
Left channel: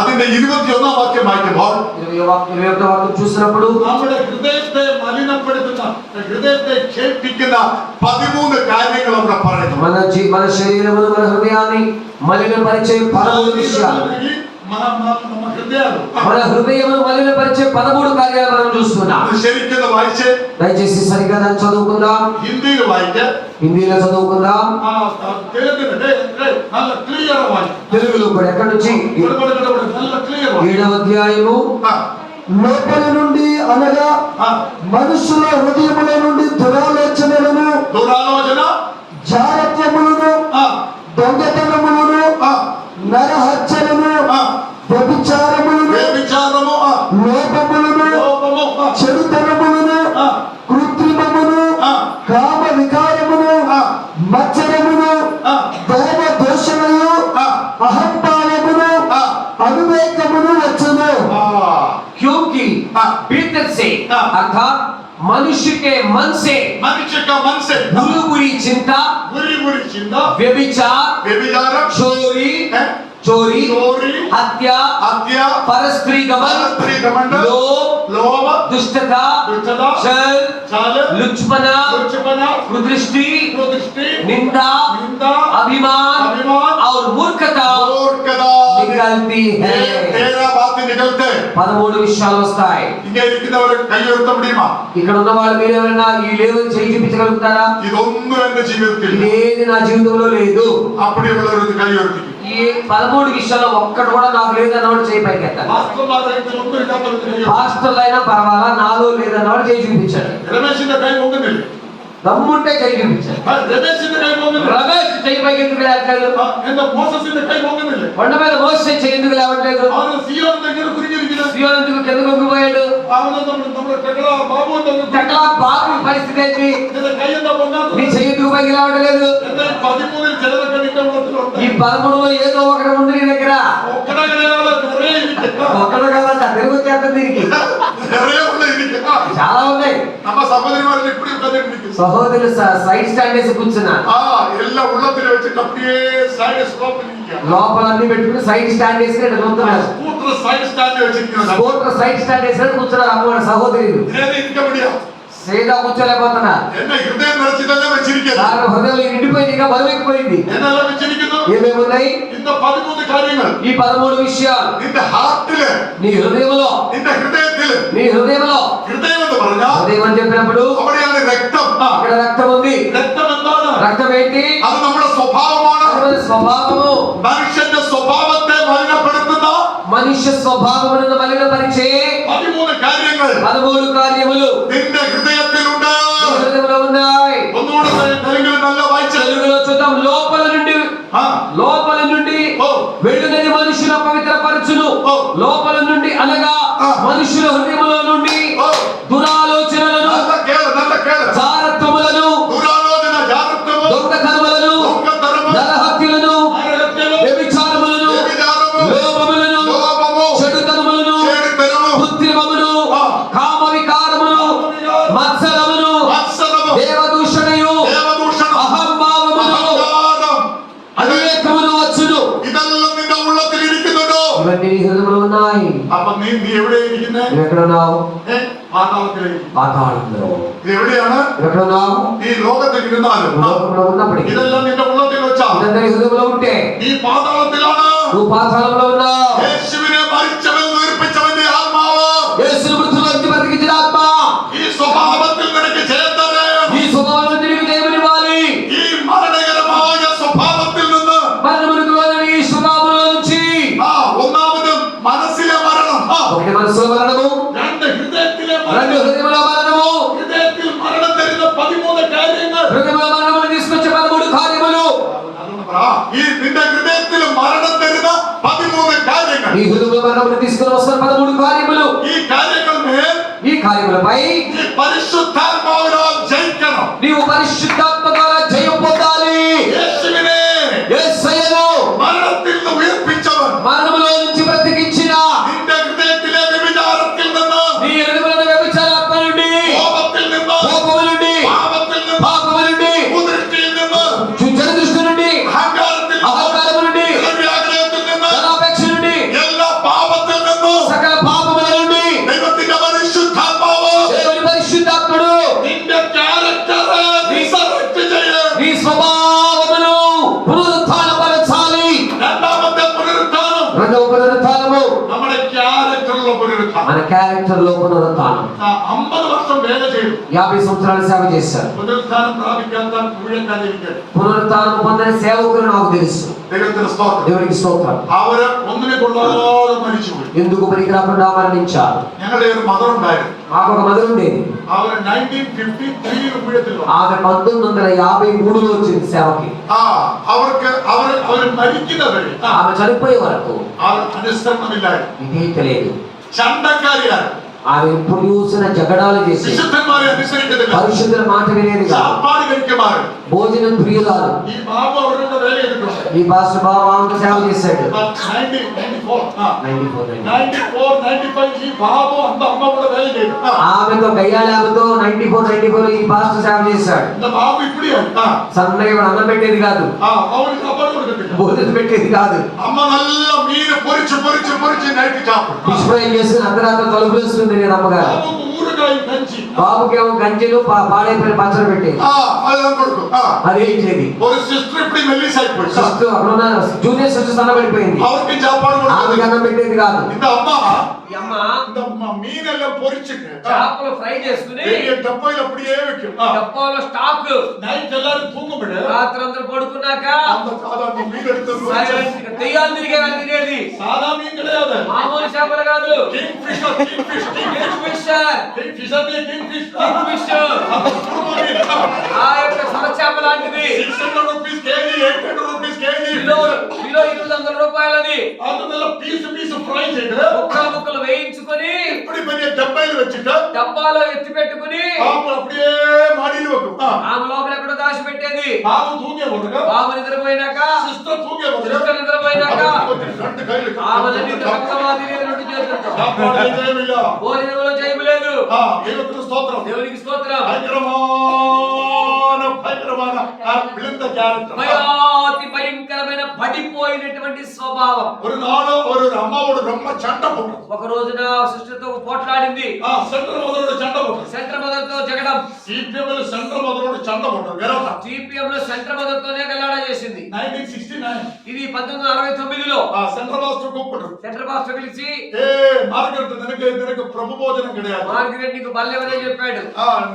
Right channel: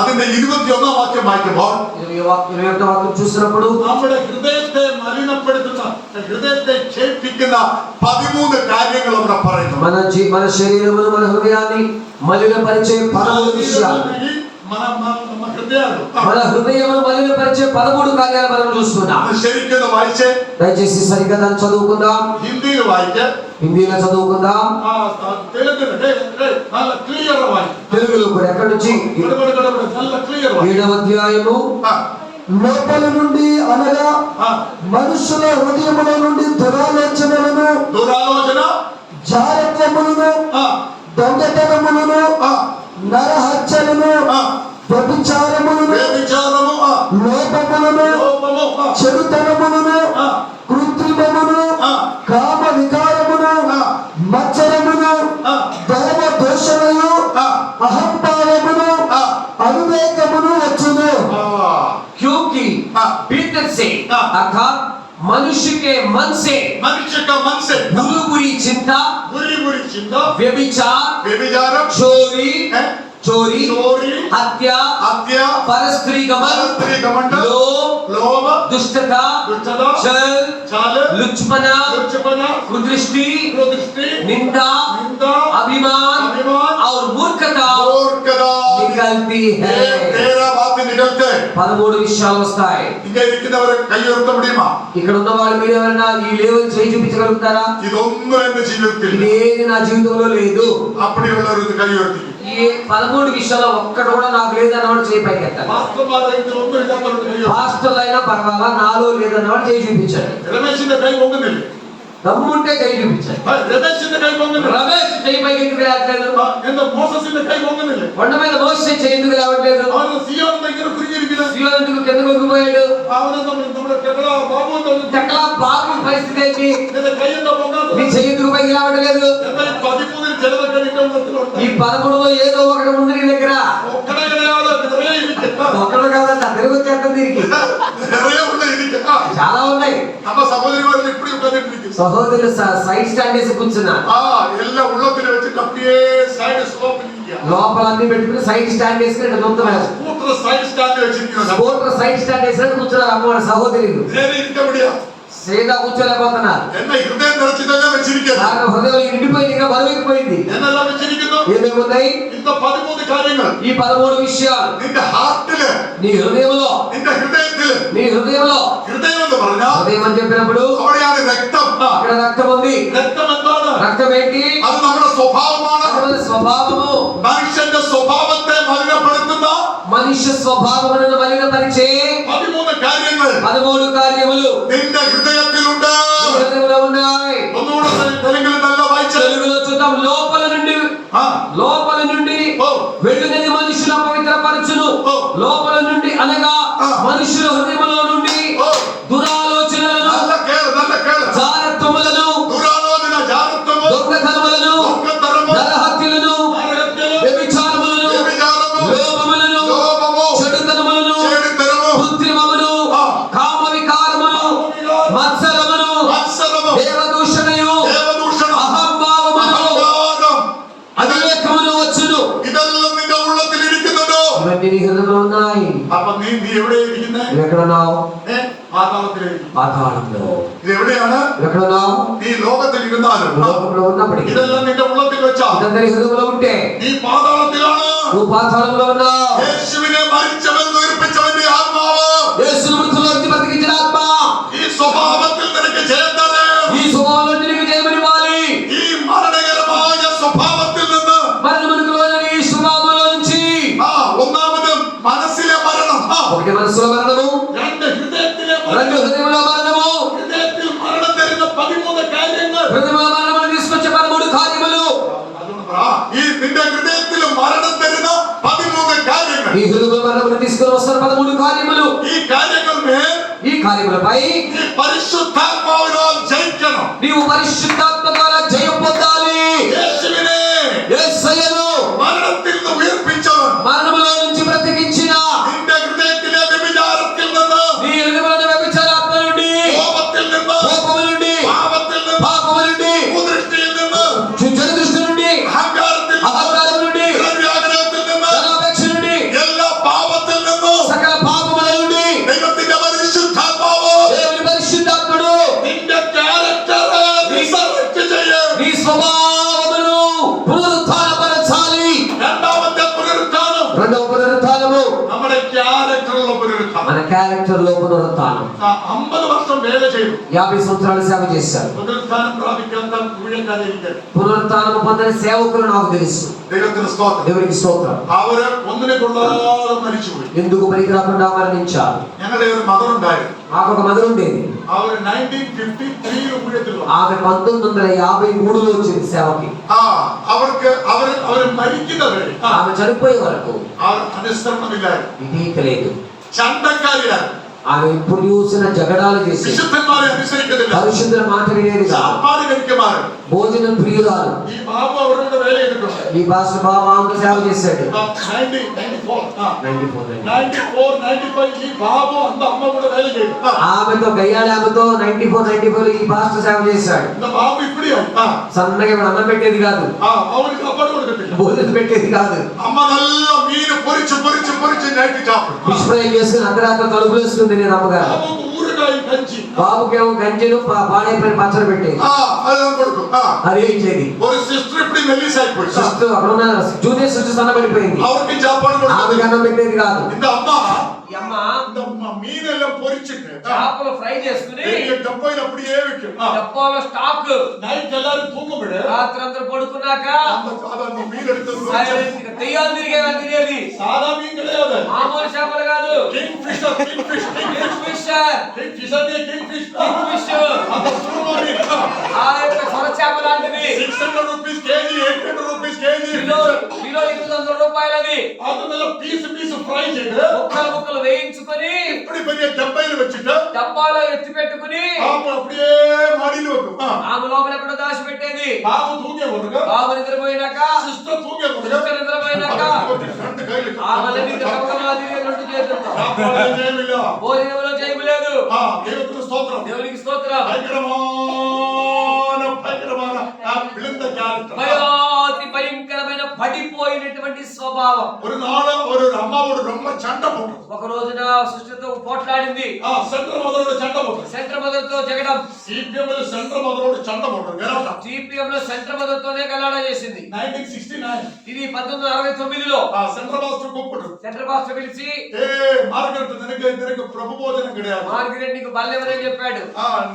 അതിന്റെ 21ാം വാക്യം വായിക്കുമ്പോൾ 21వ వాక్యం చూసినప్పుడు നമ്മുടെ ഹൃദയത്തെ മലിനപ്പെടുത്തുന്ന ഹൃദയത്തെ ക്ഷേപിക്കുന്ന 13 കാര്യങ്ങൾ അവിടെ പറയുന്നു. మన శరీరమును మన హృదయాన్ని మలినపరిచే 13 విషయాలు. మన హృదయమును మలినపరిచే 13 కార్యాలు మనం చూస్తున్నాం. ശരിക്കും വായിച്ച് దయచేసి సరిగ్గా దాన్ని చదువుకుందాం. ഹിന്ദിയിൽ വായിച്ച് హిందీలో చదువుకుందాం. നല്ല ക്ലിയർ വായിക്കും. తెలుగులో కూడా ఎక్కడి నుంచి? നല്ല క్లియర్ 7వ అధ్యాయము లోపలి నుండి అనగా మనుషుల హృదయముల నుండి దురాలోచనలను, దురాలోచన, జారత్వములను, దొంగతనములను, నరహత్యలను, వ్యభిచారములను, లోపములను, చెడుతనములను, కృత్రిమమును, కామ వికారమును, మత్సరమును, దైవ దోషమును, అహంకారమును, అవివేకమును వచ్చును. क्योंकि मनुष्य के मन से बुरी चिंता, व्यभिचार, चोरी, हत्या, परस्त्री गमन, लोभ, दुष्टता, छल, लुच्चपना, कुदृष्टि, निंदा, अभिमान और मूर्खता निकलती है। 13 విషయాలు వస్తాయి. ఇక్కడ ఉన్న వాళ్ళు మీరు ఎవరైనా ఈ లేవల్ చేయి చూపించగలుగుతారా? ఇదేది నా జీవితంలో లేదు. ఈ 13 విషయాల్లో ఒక్కటి కూడా నాకు లేదన్నవాడు చేయి పైకి ఎత్తాలి. పాస్టర్లు అయినా పర్వాలా, నాలో లేదన్నవాడు చేయి చూపించాడు. దమ్ముంటే చేయి చూపించాడు. రమేష్ చేయి పైకి ఎందుకు లేవట్లేదు? కొండ మీద మోసే చేయి ఎందుకు లేవట్లేదు? సియోను ఎందుకు కిందకు వంగిపోయాడు? బాబు పరిస్థితి ఏంటి? నీ చెయ్యి ఎందుకు పైకి లేవట్లేదు? ఈ 13లో ఏదో ఒకటి ఉంది నీ దగ్గర. ఒక్కడు కాదంట, తిరుగుతుంది దీనికి. చాలా ఉన్నాయి. సహోదరులు సైడ్ స్టాండ్ వేసి కూర్చున్నా, లోపల అన్ని పెట్టుకుని సైడ్ స్టాండ్ వేసి చూస్తున్నారు. స్కూటర్ సైడ్ స్టాండ్ వేసినట్టు కూర్చున్నారు అమ్మవాడు సహోదరులు. సేదా కూర్చోలేకపోతున్నారు. హృదయం నిండిపోయింది, ఇంకా బరువెక్కిపోయింది. ఏమేమి ఉన్నాయి? ఈ 13 విషయాలు నీ హృదయంలో. హృదయం అని చెప్పినప్పుడు ఇక్కడ రక్తం ఉంది. రక్తం ఏంటి? స్వభావము. మనుష్య స్వభావమును మలినపరిచే 13 కార్యములు హృదయంలో ఉన్నాయి. తెలుగులో చూద్దాం. లోపల నుండి వెళ్ళినది మనుషుల పవిత్రపరచును. లోపల నుండి అనగా మనుషుల హృదయంలో నుండి దురాలోచనలను, జారత్వములను, దొంగతనములను, నరహత్యలను, వ్యభిచారములను, లోభములను, చెడుతనములను, కృత్రిమమును, కామ వికారమును, మత్సరమును, దేవదూషణయు, అహంభావమును, అవివేకమును వచ్చును. ఇవన్నీ నీ హృదయంలో ఉన్నాయి. నువ్వు ఎక్కడున్నావు? పాతాళంలో. ఎక్కడున్నావు? లోకంలో ఉన్నప్పటికీ ఇదంతా నీ హృదయంలో ఉంటే నువ్వు పాతాళంలో ఉన్నావు. యేసు మృతుల్లోంచి బతికించిన ఆత్మ ఈ స్వభావంలో నీకు జయమనివ్వాలి. ఒకటి మనసులో మరణము, రెండు హృదయంలో మరణము. హృదయంలో మరణమును తీసుకొచ్చే 13 కార్యములు. ఈ హృదయంలో మరణమును తీసుకొని వస్తున్న 13 కార్యములు. ఈ కార్యములపై నీవు పరిశుద్ధాత్మ ద్వారా జయం పొందాలి. యేసయ్యను మరణములో నుంచి బ్రతికించిన నీ హృదయంలో వ్యభిచారాత్మ నుండి, కోపము నుండి, పాపము నుండి, చెడు దృష్టి నుండి, అహంకారము నుండి, ధనాపేక్ష నుండి, సకల పాపముల నుండి దేవుని పరిశుద్ధాత్ముడు నీ స్వభావమును పునరుత్థానపరచాలి. రెండవ పునరుత్థానము మన క్యారెక్టర్ లో పునరుత్థానం. 50 సంవత్సరాలు సేవ చేశారు. పునరుత్థానం పొందని సేవకులు నాకు తెలుసు. దేవునికి స్తోత్రం. ఎందుకు పనికి రాకుండా మరణించారు? మాకు ఒక మదర్ ఉండేది. ఆమె 1953లో వచ్చింది సేవకి. ఆమె చనిపోయే వరకు ఇదే తెలియదు. ఆమె ఎప్పుడు చూసిన జగడాలు చేసి పరిశుద్ధుల మాట వినేది కాదు. സാപ്പാട് കഴിക്കുമാറ് భోజనం ప్రియురాలు. ഈ ബാബു അവരുടെ വേല ചെയ്തിട്ടുണ്ട്. ఈ పాస్టర్ బాబు సేవ చేశాడు. 94 94 95 ఈ బాబు అంత అమ్మ కూడా వేల చేయదు. ఆమెతో గయ్యాళ ఆమెతో 94 ఈ పాస్టర్ సేవ చేశాడు. இந்த బాబు ఇప్పుడే సన్నగా ఇప్పుడు అన్నం పెట్టేది కాదు, அவனுக்கு சாப்பாடு கொடுக்கறது. భోజనం పెట్టేది కాదు. అమ్మ నల్ల మీన పొరిచి నైట్ చాపడు. విశ్వయం చేసుకుని అర్ధరాత్రి తలుపు వేసుకుని తినేది అమ్మగారు. బాబుకు ఊరగాయ కంచి. బాబుకేమో గంజలు పాడైపోయిన పచ్చడి పెట్టేది. అదే కొడుకు. అది ఏం చేయదు. ఒక సిస్టర్ ఇప్పుడు మెల్లిస్ అయిపోయింది. సిస్టర్ అక్కడ ఉన్న జూనియర్ సిస్టర్ సన్నబడిపోయింది. அவருக்கு சாப்பாடு ఆమెకి கொடுக்கறது. అన్నం పెట్టేది కాదు. இந்த అమ్మ ఈ అమ్మ இந்த மீனெல்லாம் பொரிச்சிட்டு చేపలు ఫ్రై చేసుకుని பெரிய டப்பாயில அப்படியே வைக்கும். డబ్బాలో స్టాక్ నైట్ எல்லாரும் தூங்கும்போது రాత్రి అందరూ పడుకున్నాక அந்த மீன் எடுத்து సైలెంట్ గా దెయ్యాలు తిరిగే వాళ్ళు తినేది. సాదా మీన్ கிடையாது. మామూలు చేపలు కాదు. Kingfisher kingfisher king fish king fish ఆ యొక్క సొర చేప లాంటిది. 600 rupees KG 800 rupees KG kilo kilo 800 రూపాయలది. అందువల్ల పీస్ ఫ్రై చేయడు. ముక్కలు ముక్కలు వేయించుకొని இப்படி பெரிய டப்பையில வச்சிட்டு డబ్బాలో ఎత్తి పెట్టుకుని அப்படியே மாடியில வைக்கும். ఆమె లోపల ఎక్కడో దాచి పెట్టేది. బాబు తూగే వరకు బాబు నిద్రపోయినాక సిస్టర్ తూగే వరకు సిస్టర్ నిద్రపోయినాక రెండు కైలు ఆమెలన్నీ దొంగగా తిరిగి రెండు చేతులతో సాపాడు చేయమిല്ല. భోజనంలో చేయలేదు. దేవునికి స్తోత్రం. దేవునికి స్తోత్రం. భయంకరమైన విழுந்த క్యారెక్టర్. భయాతి భయంకరమైన పడిపోయినటువంటి స్వభావం. ஒரு நாள் ஒரு அம்மாவோட ரொம்ப சண்டை போட்டோம். ఒక రోజున సిస్టర్ తో పోట్లాడింది. సెంటర్ మొదలు చండ పోటం. సెంటర్ మదర్ తో జగడం. సిపిఎం లో సెంటర్ మొదలు చండ పోటం. గెలవట. సిపిఎం లో సెంటర్ మదర్ తోనే గల్లాడ చేసింది. 1969 ఇది 1969లో సెంటర్ మాస్టర్ కూப்பிட்டு సెంటర్ మాస్టర్ పిలిచి మార్గరెట్ నినకు ప్రభు భోజనం கிடையாது. మార్గరెట్ నీకు బల్లెవదని చెప్పాడు.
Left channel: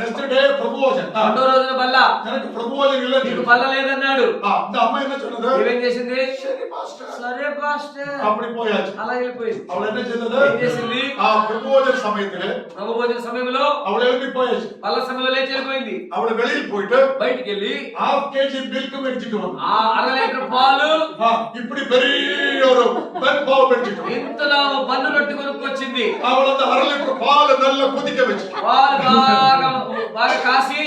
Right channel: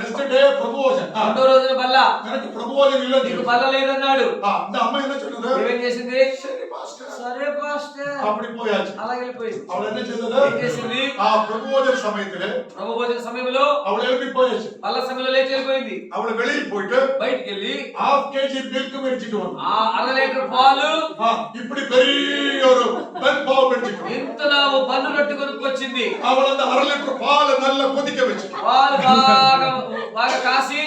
నెక్స్ట్ డే ప్రభు భోజనం. రెండో రోజున బల్ల నినకు ప్రభు భోజనం இல்ல. నీకు బల్ల లేదన్నాడు. இந்த అమ్మ என்ன சொன்னது? ఏమేం చేసింది? సరే మాస్టర్. సరే పాస్టర్ அப்படி போயாச்சு. అలా వెళ్ళిపోయింది. அவள் என்ன செய்தது? ఏం చేసింది? ప్రభు భోజన సమయத்திலே ప్రభు భోజన సమయంలో அவள் எழுப்பி போயாச்சு. బల్ల సమయంలో లేచి వెళ్ళిపోయింది. அவள் வெளியில் போயிட்டு బయటికి వెళ్ళి ½ కేజీ మిల్క్ మెడిచిட்டு వన్. ఆ అర లీటర్ పాలు இப்படி பெரிய ஒரு பென் பாவு మెడిచిட்டு. ఇంతలో బన్ను రొట్టె కొనుక్కొచ్చింది. அவள் அந்த அரை லிட்டர் பால் நல்லா கொதிக்க வச்சு. పాలు బాగా కాసి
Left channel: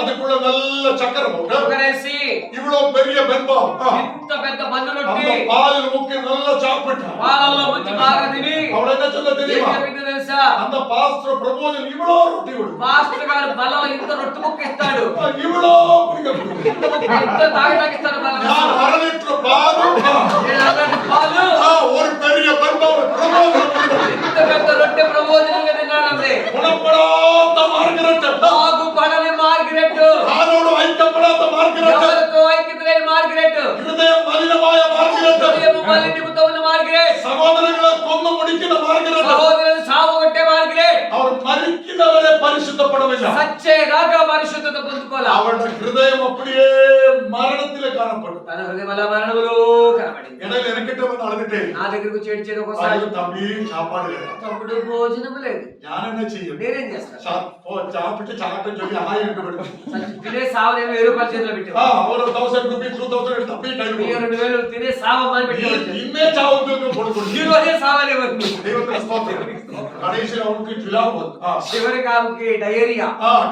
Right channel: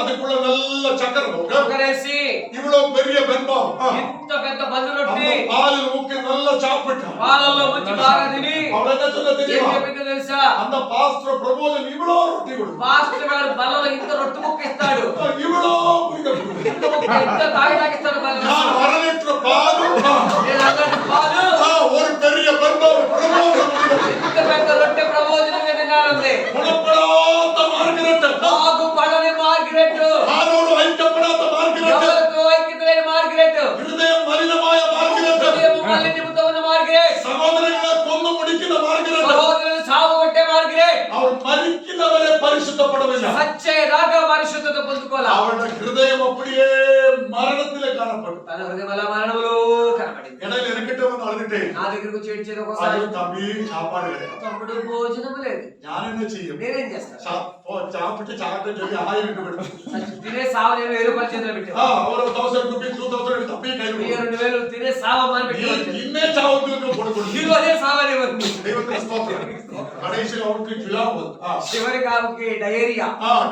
அதுக்குள்ள நல்ல சக்கரை போட்டு ఉగరేసి இவ்வளவு பெரிய பென் பாவு ఇంత పెద్ద బన్ను రొట్టె அந்த பாலில் ஊக்கி நல்லா சாப்பிட்டா. పాలల్లో ముంచి బాగా తిని அவள் என்ன சொன்ன ఏం தெரியுமா? చెప్పిందో తెలుసా? அந்த பாஸ்டர் பிரபோஜன் இவ்வளோ ரொட்டி விடும். మాస్టర్ గారు బల్లలో ఇంత రొట్టె ముక్క ఇస్తాడు. இவ்வளோ குடிக்க ఇంత ముక్క ఇంత తాగిస్తాడు బల్ల. நான் அரை லிட்டர் பால் నేను అన్నట్టు పాలు ஒரு பெரிய பென் பாவு பிரபோஜன் ఇంత పెద్ద రొట్టె ప్రబోధనంగా తిన్నాడంటే குணப்படாத మార్గరెట్. బాగు పడని మార్గరెట్. ఆరోడు ఐక్యపడాత మార్గరెట్. ఎవరితో ఐక్యత లేని మార్గరెట్. హృదయం మలినമായ మార్గరెట్. హృదయం మలినముతో ఉన్న మార్గరెట్. సహోదరులను కొన్ను ముడికిన మార్గరెట్. సహోదరులను సాగు కొట్టే మార్గరెట్. அவர் மரிக்கிறவரே பரிசுத்தப்படவில்லை. సచ్చేదాకా పరిశుద్ధత పొందుకోవాలి. அவருடைய ஹிருதயம் அப்படியே மரணத்திலே காணப்படும். తన హృదయం అలా మరణములో కనబడింది. இடையில எனக்கிட்ட வந்து அழுதுட்டேன். నా దగ్గరకు చేర్చేది ఒకసారి ஐயோ தம்பி சாப்பாடு கிடையாது. తమ్ముడు భోజనం లేదు. நான் என்ன செய்யும்? నేనేం చేస్తాను? சாப்பிட்டு சாப்பிட்டு சொல்லி ஆயிரம் விடும். తినే సావు నేను 1000 రూపాయల చేతిలో పెట్టాను. ஒரு 1000 రూపీస్ 2000 எடுத்து அப்படியே கையில் 2000 తినే సావమని పెట్టాను. இன்னே சாவுக்கு போட்டுக்கொண்டு ఈ రోజే సావలేవని. தெய்வத்தின் ஸ்தோத்திரம். கடைசியில் அவனுக்கு ஜுலாவு చివరికి ఆమెకి డయేరియా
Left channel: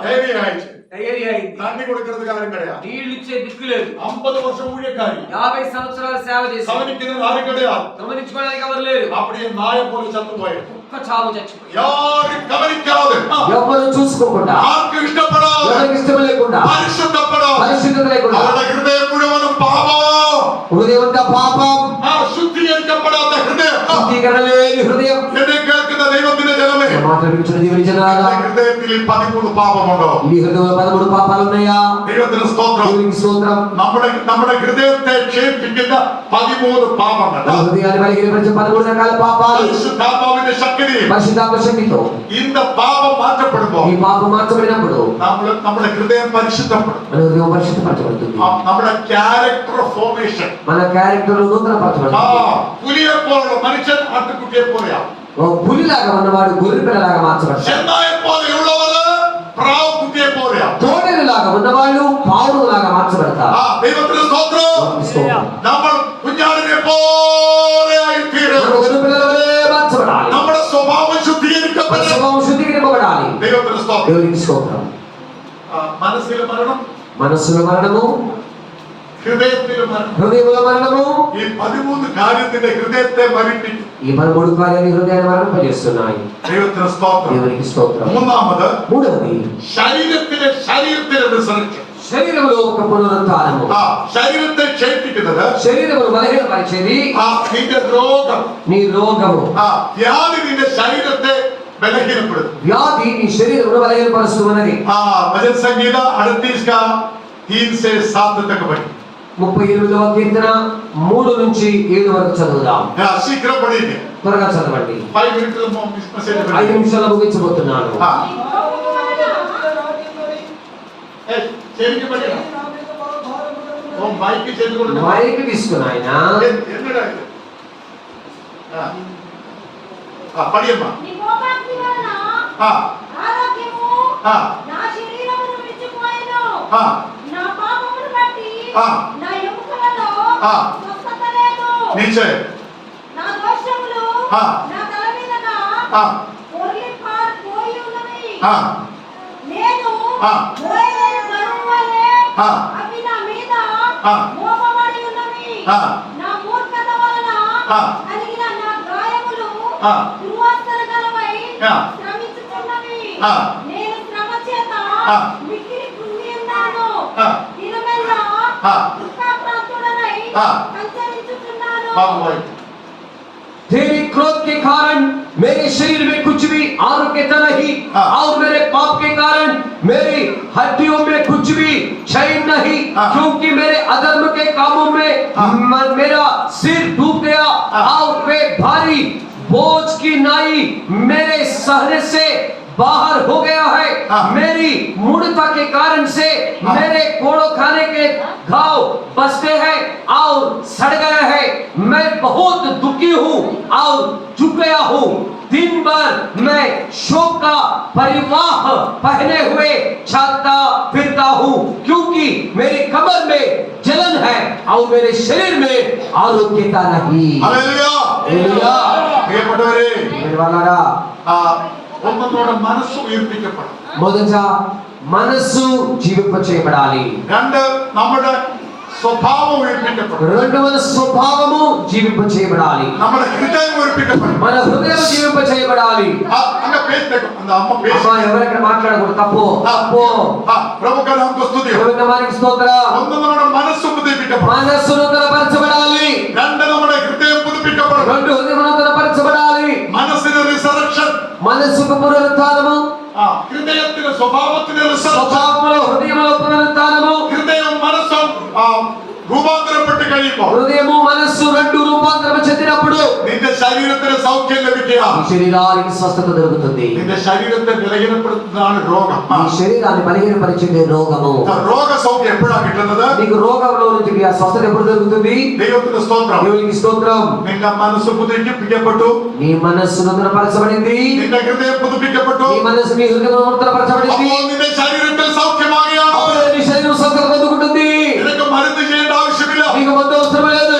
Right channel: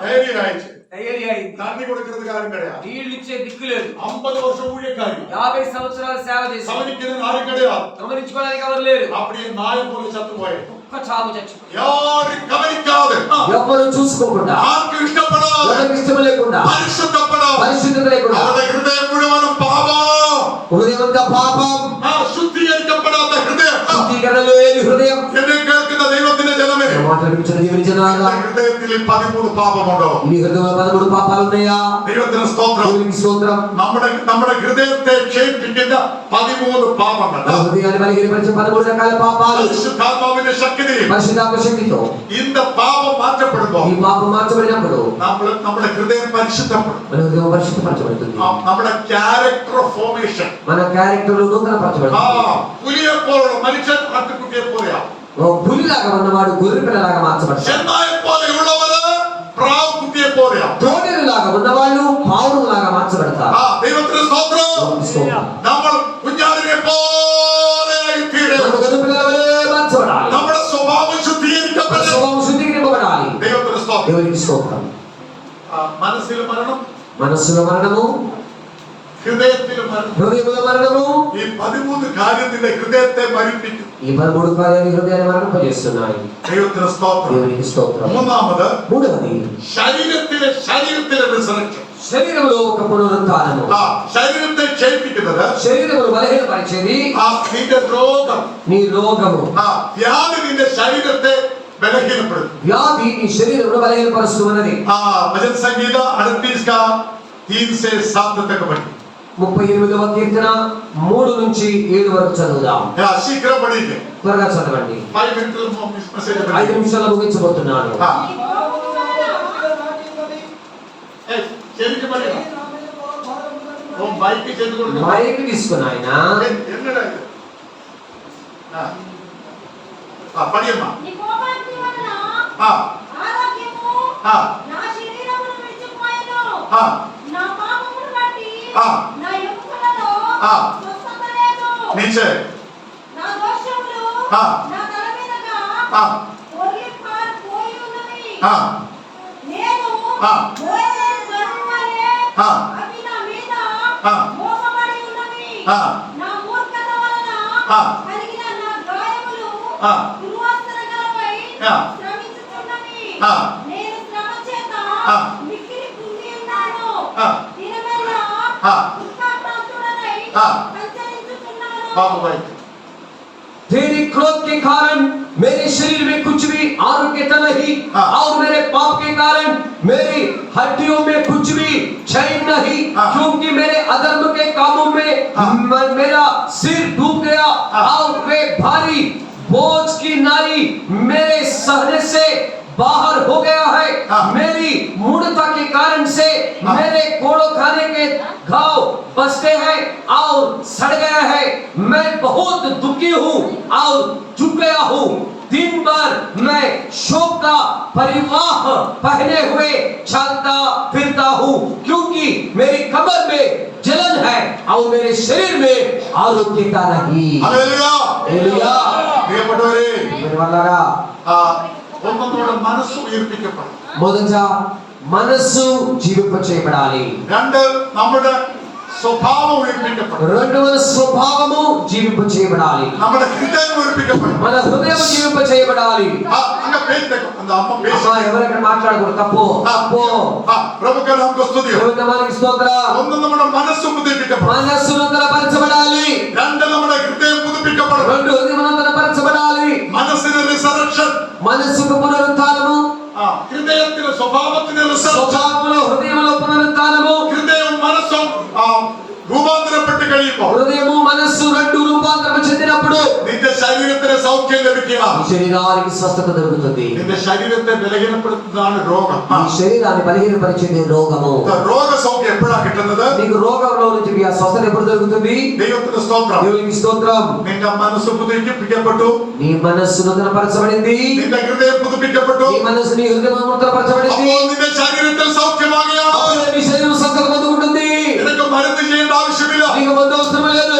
டைரி ஆயிடுச்சு. డయేరియా అయింది. தண்ணி கொடுக்கிறதுக்கு யாரும் கிடையாது. నీళ్లు ఇచ్చే దిక్కు లేదు. 50 வருஷம் ஊழியக்காரி. 50 సంవత్సరాలు సేవ చేసి கவனிக்கிறது யாரும் கிடையாது. గమనించుకోవడానికి ఎవరు లేరు. அப்படியே நாய போல சத்து போய் ఒక్క చావు చచ్చిపోయి யாரும் கவனிக்காது. ఎవరు చూసుకోకుండా, யாருக்கு இஷ்டப்படாது. ఎవరికి ఇష్టం లేకుండా, పరిశుద్ధపడాలి. పరిశుద్ధత లేకుండా, அவருடைய ஹிருதயம் முழுவதும் பாவம். హృదయం అంతా పాపం, శుద్ధీకరించబడాத హృదయం. శుద్ధీకరణ లేని హృదయం. എന്നെ കേൾക്കുന്ന ദൈവത്തിന്റെ ജനമേ, మాట్లాడుతున్న దేవుని జనాలా, ഹൃദയത്തിൽ 13 പാപമുണ്ടോ? మీ హృదయంలో 13 పాపాలు ఉన్నాయా? ദൈവത്തിന് സ്തോത്രം. దేవునికి స్తోత్రం. നമ്മുടെ ഹൃദയത്തെ ക്ഷേപിക്കുന്ന 13 പാപങ്ങൾ. మన హృదయాన్ని బలహీనపరిచే 13 రకాల పాపాలు. പരിശുദ്ധാത്മാവിന്റെ ശക്തി పరిశుద్ధాత్మ శక్తితో இந்த పాపం మార్చబడుമ്പോൾ ఈ పాపం మార్చబడినప్పుడు നമ്മുടെ హృదయం పరిశుద్ధపடும். మన హృదయం పరిశుద్ధపరచబడుతుంది. നമ്മുടെ ക്യാരക്ടർ ഫോർമേഷൻ. మన క్యారెక్టర్ నూతనపరచబడుతుంది. പുലിയെ പോലുള്ള മനുഷ്യൻ ആട്ടുകുട്ടിയെ പോലെയാ. ఓ పులిలాగా ఉన్నవాడు గొర్రె పిల్లలాగా మార్చబడతాడు. ചെന്നായെ പോലെയുള്ളവര് പ്രാവ് കുട്ടിയെ പോലെയാ. తోడేలులాగా ఉన్నవాళ్ళు పావురులాగా మార్చబడతారు. ദൈവത്തിന് സ്തോത്രം. స్తోత్రం. നമ്മൾ കുഞ്ഞാടിനെ പോലെയായി തീരും. మనం గొర్రె పిల్లలవలే మార్చబడాలి. നമ്മുടെ സ്വഭാവം ശുദ്ധീകരിക്കപ്പെടണം. స్వభావం శుద్ధీకరింపబడాలి. ദൈവത്തിന് സ്തോത്రం. దేవునికి స్తోత్రం. മനസ്സിലെ മരണം, మనస్సులో మరణము, ഹൃദയത്തിലെ മരണം. హృదయంలో మరణము. ഈ 13 കാര്യത്തിന്റെ ഹൃദയത്തെ മരിപ്പിക്കും. ఈ 13 కార్యాలు హృదయాన్ని మరణింపజేస్తున్నాయి. ദൈവത്തിന് സ്തോത്രം. దేవునికి స్తోత్రం. മൂന്നാമത് మూడవది ശരീരത്തിലെ റിസറക്ഷൻ. శరీరంలో ఒక పునరుత్థానము. ശരീരത്തെ ക്ഷയിപ്പിക്കുന്നത് శరీరము బలహీనపరిచేది നിന്റെ രോഗം, నీ రోగము. വ്യാധി നിന്റെ ശരീരത്തെ ബലഹീനപ്പെടുത്തും. వ్యాధి నీ శరీరమును బలహీనపరుస్తూ ఉన్నది. भजन संगीत 38 का 3 से 7 तक पढ़ी. 38వ కీర్తన 3 నుంచి 7 వరకు చదువుదాం. शीघ्र पढ़ेंगे. త్వరగా చదవండి. 5 मिनट में 5 నిమిషాల్లో ముగించబోతున్నాను. చెవికి పడేనా? ఓ మైక్ చెవి కూడా మైక్ తీసుకున్నాయన. ఎన్నడా ఇది? పడియమ్మా. నీ కోపాగ్ని వలన ఆరోగ్యము నా శరీరమును విడిచిపోయెను. నా పాపమును బట్టి నా ఎముకలలో స్వస్థత లేదు. నీచే నా దోషములు నా తల మీదగా పొర్లి పారిపోయి ఉన్నవి. నేను మోయలేని బరువు వలె అవి నా మీద మోపబడి ఉన్నవి. నా మూర్ఖత వలన కలిగిన నా గాయములు దుర్వాసన గలవై శ్రమించుచున్నవి. నేను శ్రమ చేత మిక్కిలి కృంగి ఉన్నాను. దినమెల్లా దుఃఖాక్రాంతుడనై సంచరించుచున్నాను. तेरी क्रोध के कारण मेरे शरीर में कुछ भी आरोग्यता नहीं और मेरे पाप के कारण मेरी हड्डियों में कुछ भी क्षय नहीं, क्योंकि मेरे अधर्म के कामों में मेरा सिर डूब गया और वे भारी बोझ की नाई मेरे सहने से बाहर हो गया है. मेरी मूढ़ता के कारण से मेरे कोड़ो खाने के घाव बसते हैं और सड़ गए हैं. मैं बहुत दुखी हूँ और झुक गया हूँ. दिन भर मैं शोक का परिवाह पहने हुए चलता फिरता हूँ, क्योंकि मेरी कमर में जलन है और मेरे शरीर में आरोग्यता नहीं. हालेलुया. हालेलुया. ప్రియపడవరే, నిర్వలరా ఒక్కతోడ మనస్సు ఉయిర్పికపడు. మొదట మనస్సు జీవింప చేయబడాలి. രണ്ട് നമ്മുടെ സ്വഭാവം ഉയർപ്പിക്കപ്പെടും. రెండవ స్వభావము జీవింప చేయబడాలి. നമ്മുടെ ഹൃദയം ഉയർപ്പിക്കപ്പെടും. మన హృదయం జీవింప చేయబడాలి. അങ്ങനെ പേറ്റക്കും. அந்த అమ్మ పేసి. అమ్మా ఎవరెక్కడ మాట్లాడకూడదు. తప్పు తప్పు. ప్రభువుకి నామకు స్తుతి. దేవుని నామానికి స్తోత్రం. ഒന്ന് നമ്മുടെ മനസ്സ് പുതുപ്പിക്കപ്പെടും. మనస్సు నూతనపరచబడాలి. രണ്ട് നമ്മുടെ హృదయం పుതുപ്പിക്കപ്പെടും. రెండు హృదయం నూతనపరచబడాలి. മനസ്സിന് റിസറക്ഷൻ. మనస్సుకు పునరుత్థానము. ഹൃദയത്തിന്റെ സ്വഭാവത്തിന് റിസറക്ഷൻ. స్వభావములో హృదయములో పునరుత్థానము. ഹൃദയം മനസ്സും രൂപാന്തരപ്പെട്ട് കഴിയുമ്പോൾ హృదయము మనస్సు రెండు రూపాంతరము చెందినప్పుడు നിന്റെ ശരീരത്തിന് സൗഖ്യം ലഭിക്കുക. ఈ శరీరానికి స్వస్థత దొరుకుతుంది. നിന്റെ ശരീരത്തെ ബലഹീനപ്പെടുത്തുന്നതാണ് രോഗം. ఈ శరీరాన్ని బలహీనపరిచేది రోగము. രോഗസൗഖ്യം എപ്പോഴാണ് കിട്ടുന്നത്? నీకు రోగంలో నుంచి ఆ స్వస్థత ఎప్పుడు దొరుకుతుంది? ദൈവത്തിന്റെ സ്തോത്രം. దేవునికి స్తోత్రం. നിന്റെ മനസ്സ് പുതുപ്പിക്കപ്പെട്ടു. నీ మనస్సు నూతనపరచబడింది. നിന്റെ ഹൃദയം പുതുപ്പിക്കപ്പെട്ടു. నీ మనస్సు నీ హృదయం నూతనపరచబడింది. അപ്പോൾ നിന്റെ ശരീരത്തിൽ സൗഖ്യമാകുകയാണ്. అప్పుడే నీ శరీరం స్వస్థత పొందుకుంటుంది. നിനക്ക് മരുന്ന് ചെയ്യേണ്ട ആവശ്യമില്ല. నీకు మందు అవసరం లేదు.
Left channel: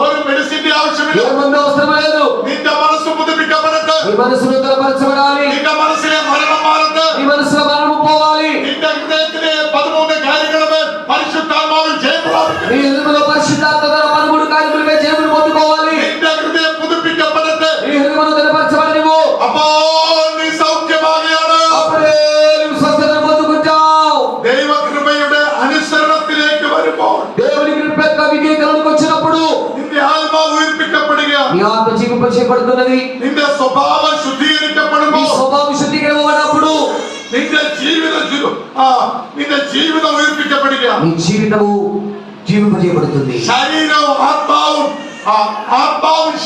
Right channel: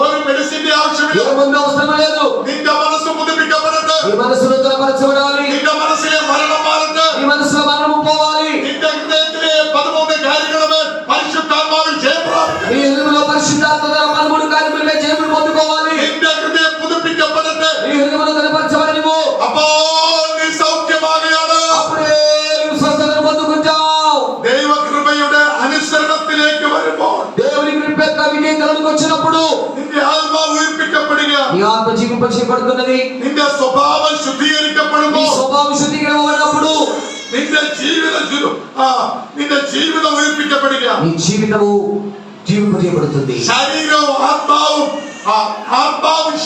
ഒരു മെഡിസിന്റെ ആവശ്യമില്ല. ఏ మందు అవసరం లేదు. നിന്റെ മനസ്സ് പുതുപ്പിക്കപ്പെടട്ടെ. నీ మనస్సు నూతనపరచబడాలి. നിന്റെ മനസ്സിലെ മരണം മാറട്ടെ. నీ మనసులో మరణము పోవాలి. നിന്റെ ഹൃദയത്തിലെ 13 കാര്യങ്ങളുമേൽ പരിശുദ്ധാത്മാവിൽ ജയം പ്രാപിക്കട്ടെ. నీ హృదయంలో పరిశుద్ధాత్మ గల 13 కార్యములుగా జయమును పొందుకోవాలి. നിന്റെ ഹൃദയം പുതുപ്പിക്കപ്പെടട്ടെ. నీ హృదయం నూతనపరచబడినవు. അപ്പോൾ നീ സൗഖ്യമാകുകയാണ്. అప్పుడే నీవు స్వస్థతను పొందుకుంటావు. ദൈവകൃപയുടെ അനുസരണത്തിലേക്ക് വരുമ്പോൾ దేవుని కృప యొక్క వివేకములకు వచ్చినప్పుడు നിന്റെ ആത്മാവ് ഉയർപ്പിക്കപ്പെടുകയാണ്. నీ ఆత్మ జీవింప చేయబడుతున్నది. നിന്റെ സ്വഭാവം నీ ശുദ്ധീകരിക്കപ്പെടുമ്പോൾ స్వభావం శుద్ధీకరించబడినప్పుడు നിന്റെ ജീവിതം ഉയർപ്പിക്കപ്പെടുകയാണ്. నీ జీవితము జీవింప చేయబడుతుంది. ശരീരവും ആത്മാവും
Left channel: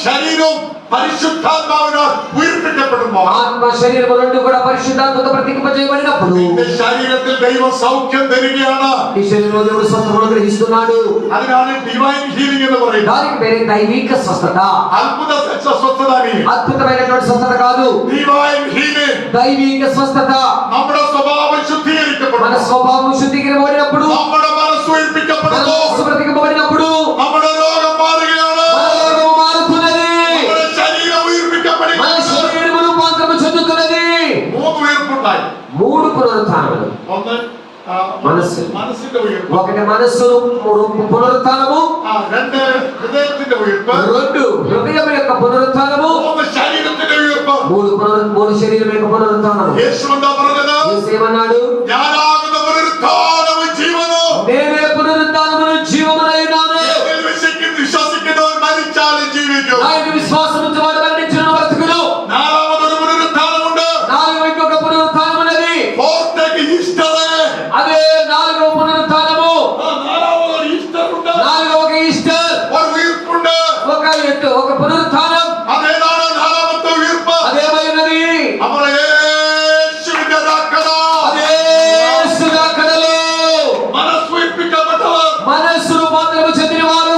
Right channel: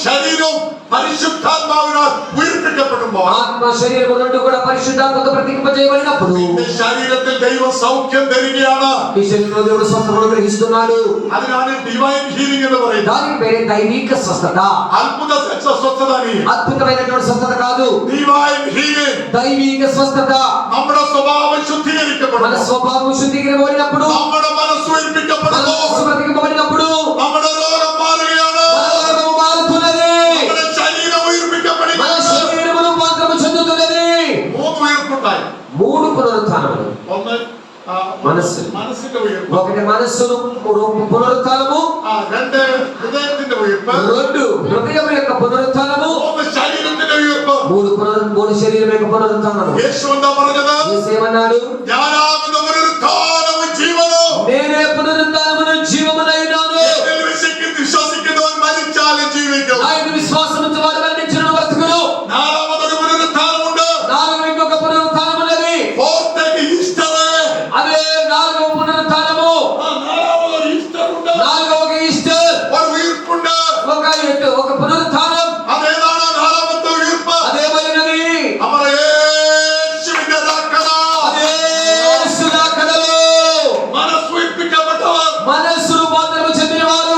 ശരീരവും പരിശുദ്ധാത്മാവിനാൽ ഉയർപ്പിക്കപ്പെടുമ്പോൾ ఆత్మ శరీరము రెండు కూడా పరిశుద్ధాత్మతో ప్రతికింప చేయబడినప్పుడు നിന്റെ ശരീരത്തിൽ ദൈവം സൗഖ്യം തരികയാണ്. నీ శరీరంలో దేవుడు స్వస్థతను గ్రహిస్తున్నాడు. അതിനാണ് ഡിവൈൻ ഹീലിംഗ് എന്ന് പറയുന്നത്. దానికి పేరే దైవిక స్వస్థత. അത്ഭുത സ്വസ്ഥത. అద్భుతమైనటువంటి స్వస్థత కాదు, ഡിവൈൻ ഹീലിംഗ്. దైవిక స్వస్థత. നമ്മുടെ സ്വഭാവം మన ശുദ്ധീകരിക്കപ്പെടുന്നു. స్వభావం శుద్ధీకరించబడినప్పుడు, നമ്മുടെ മനസ്സ് మన ഉയർപ്പിക്കപ്പെടുന്നു. మనస్సు ప్రతికింపబడినప్పుడు നമ്മുടെ രോഗം മാറുകയാണ്. మన రోగము మారుతున్నది. നമ്മുടെ ശരീരം మన ഉയർപ്പിക്കപ്പെടുകയാണ്. శరీరము రూపాంతరము చెందుతున్నది. 3 ഉയർപ്പുണ്ടായി. 3 పునరుత్థానములు. ഒന്ന് മനസ്സ്. മനസ്സിന്റെ ഉയർപ്പ്. ఒకటి మనస్సు పునరుత్థానము, രണ്ട് ഹൃദയത്തിന്റെ ഉയർപ്പ്. రెండు హృదయం యొక్క పునరుత్థానము, മൂന്ന് ശരീരത്തിന്റെ ഉയർപ്പ്. మూడు శరీరం యొక్క పునరుత్థానము. യേശു എന്താ പറഞ്ഞത്? యేసు ఏమన్నాడు? ഞാനാകുന്ന പുനരുത്ഥാനവും ജീവനും. నేనే పునరుత్థానమును జీవమునై ఉన్నాను. എന്നിൽ വിശ്വസിക്കുന്നവൻ മരിച്ചാലും ജീവിക്കും. ఆయన విశ్వాసం ఉంచేవాడు మరణించును బ్రతుకును. നാലാമതൊരു പുനരുത്ഥാനമുണ്ട്. నాలుగవ ఇంకొక పునరుత్థానం ఉన్నది. ഫോർത്തേക്ക് ഈസ്റ്റർ. అదే నాలుగవ పునరుత్థానము. നാലാമതൊരു ഈസ്റ്റർ ഉണ്ട്. నాలుగవ ఒక ఈస్టర్, ഒരു ഉയർപ്പുണ്ട്. ఒక పునరుత్థానం. അതേതാണ് നാലാമത്തെ ഉയർപ്പ്? అదేమైనది? നമ്മുടെ യേശുവിന്റെ രാക്കട. అదే యేసు రాకడలో മനസ്സുയിപ്പിക്കപ്പെട്ടവർ. మనస్సు రూపాంతరము చెందినవారు,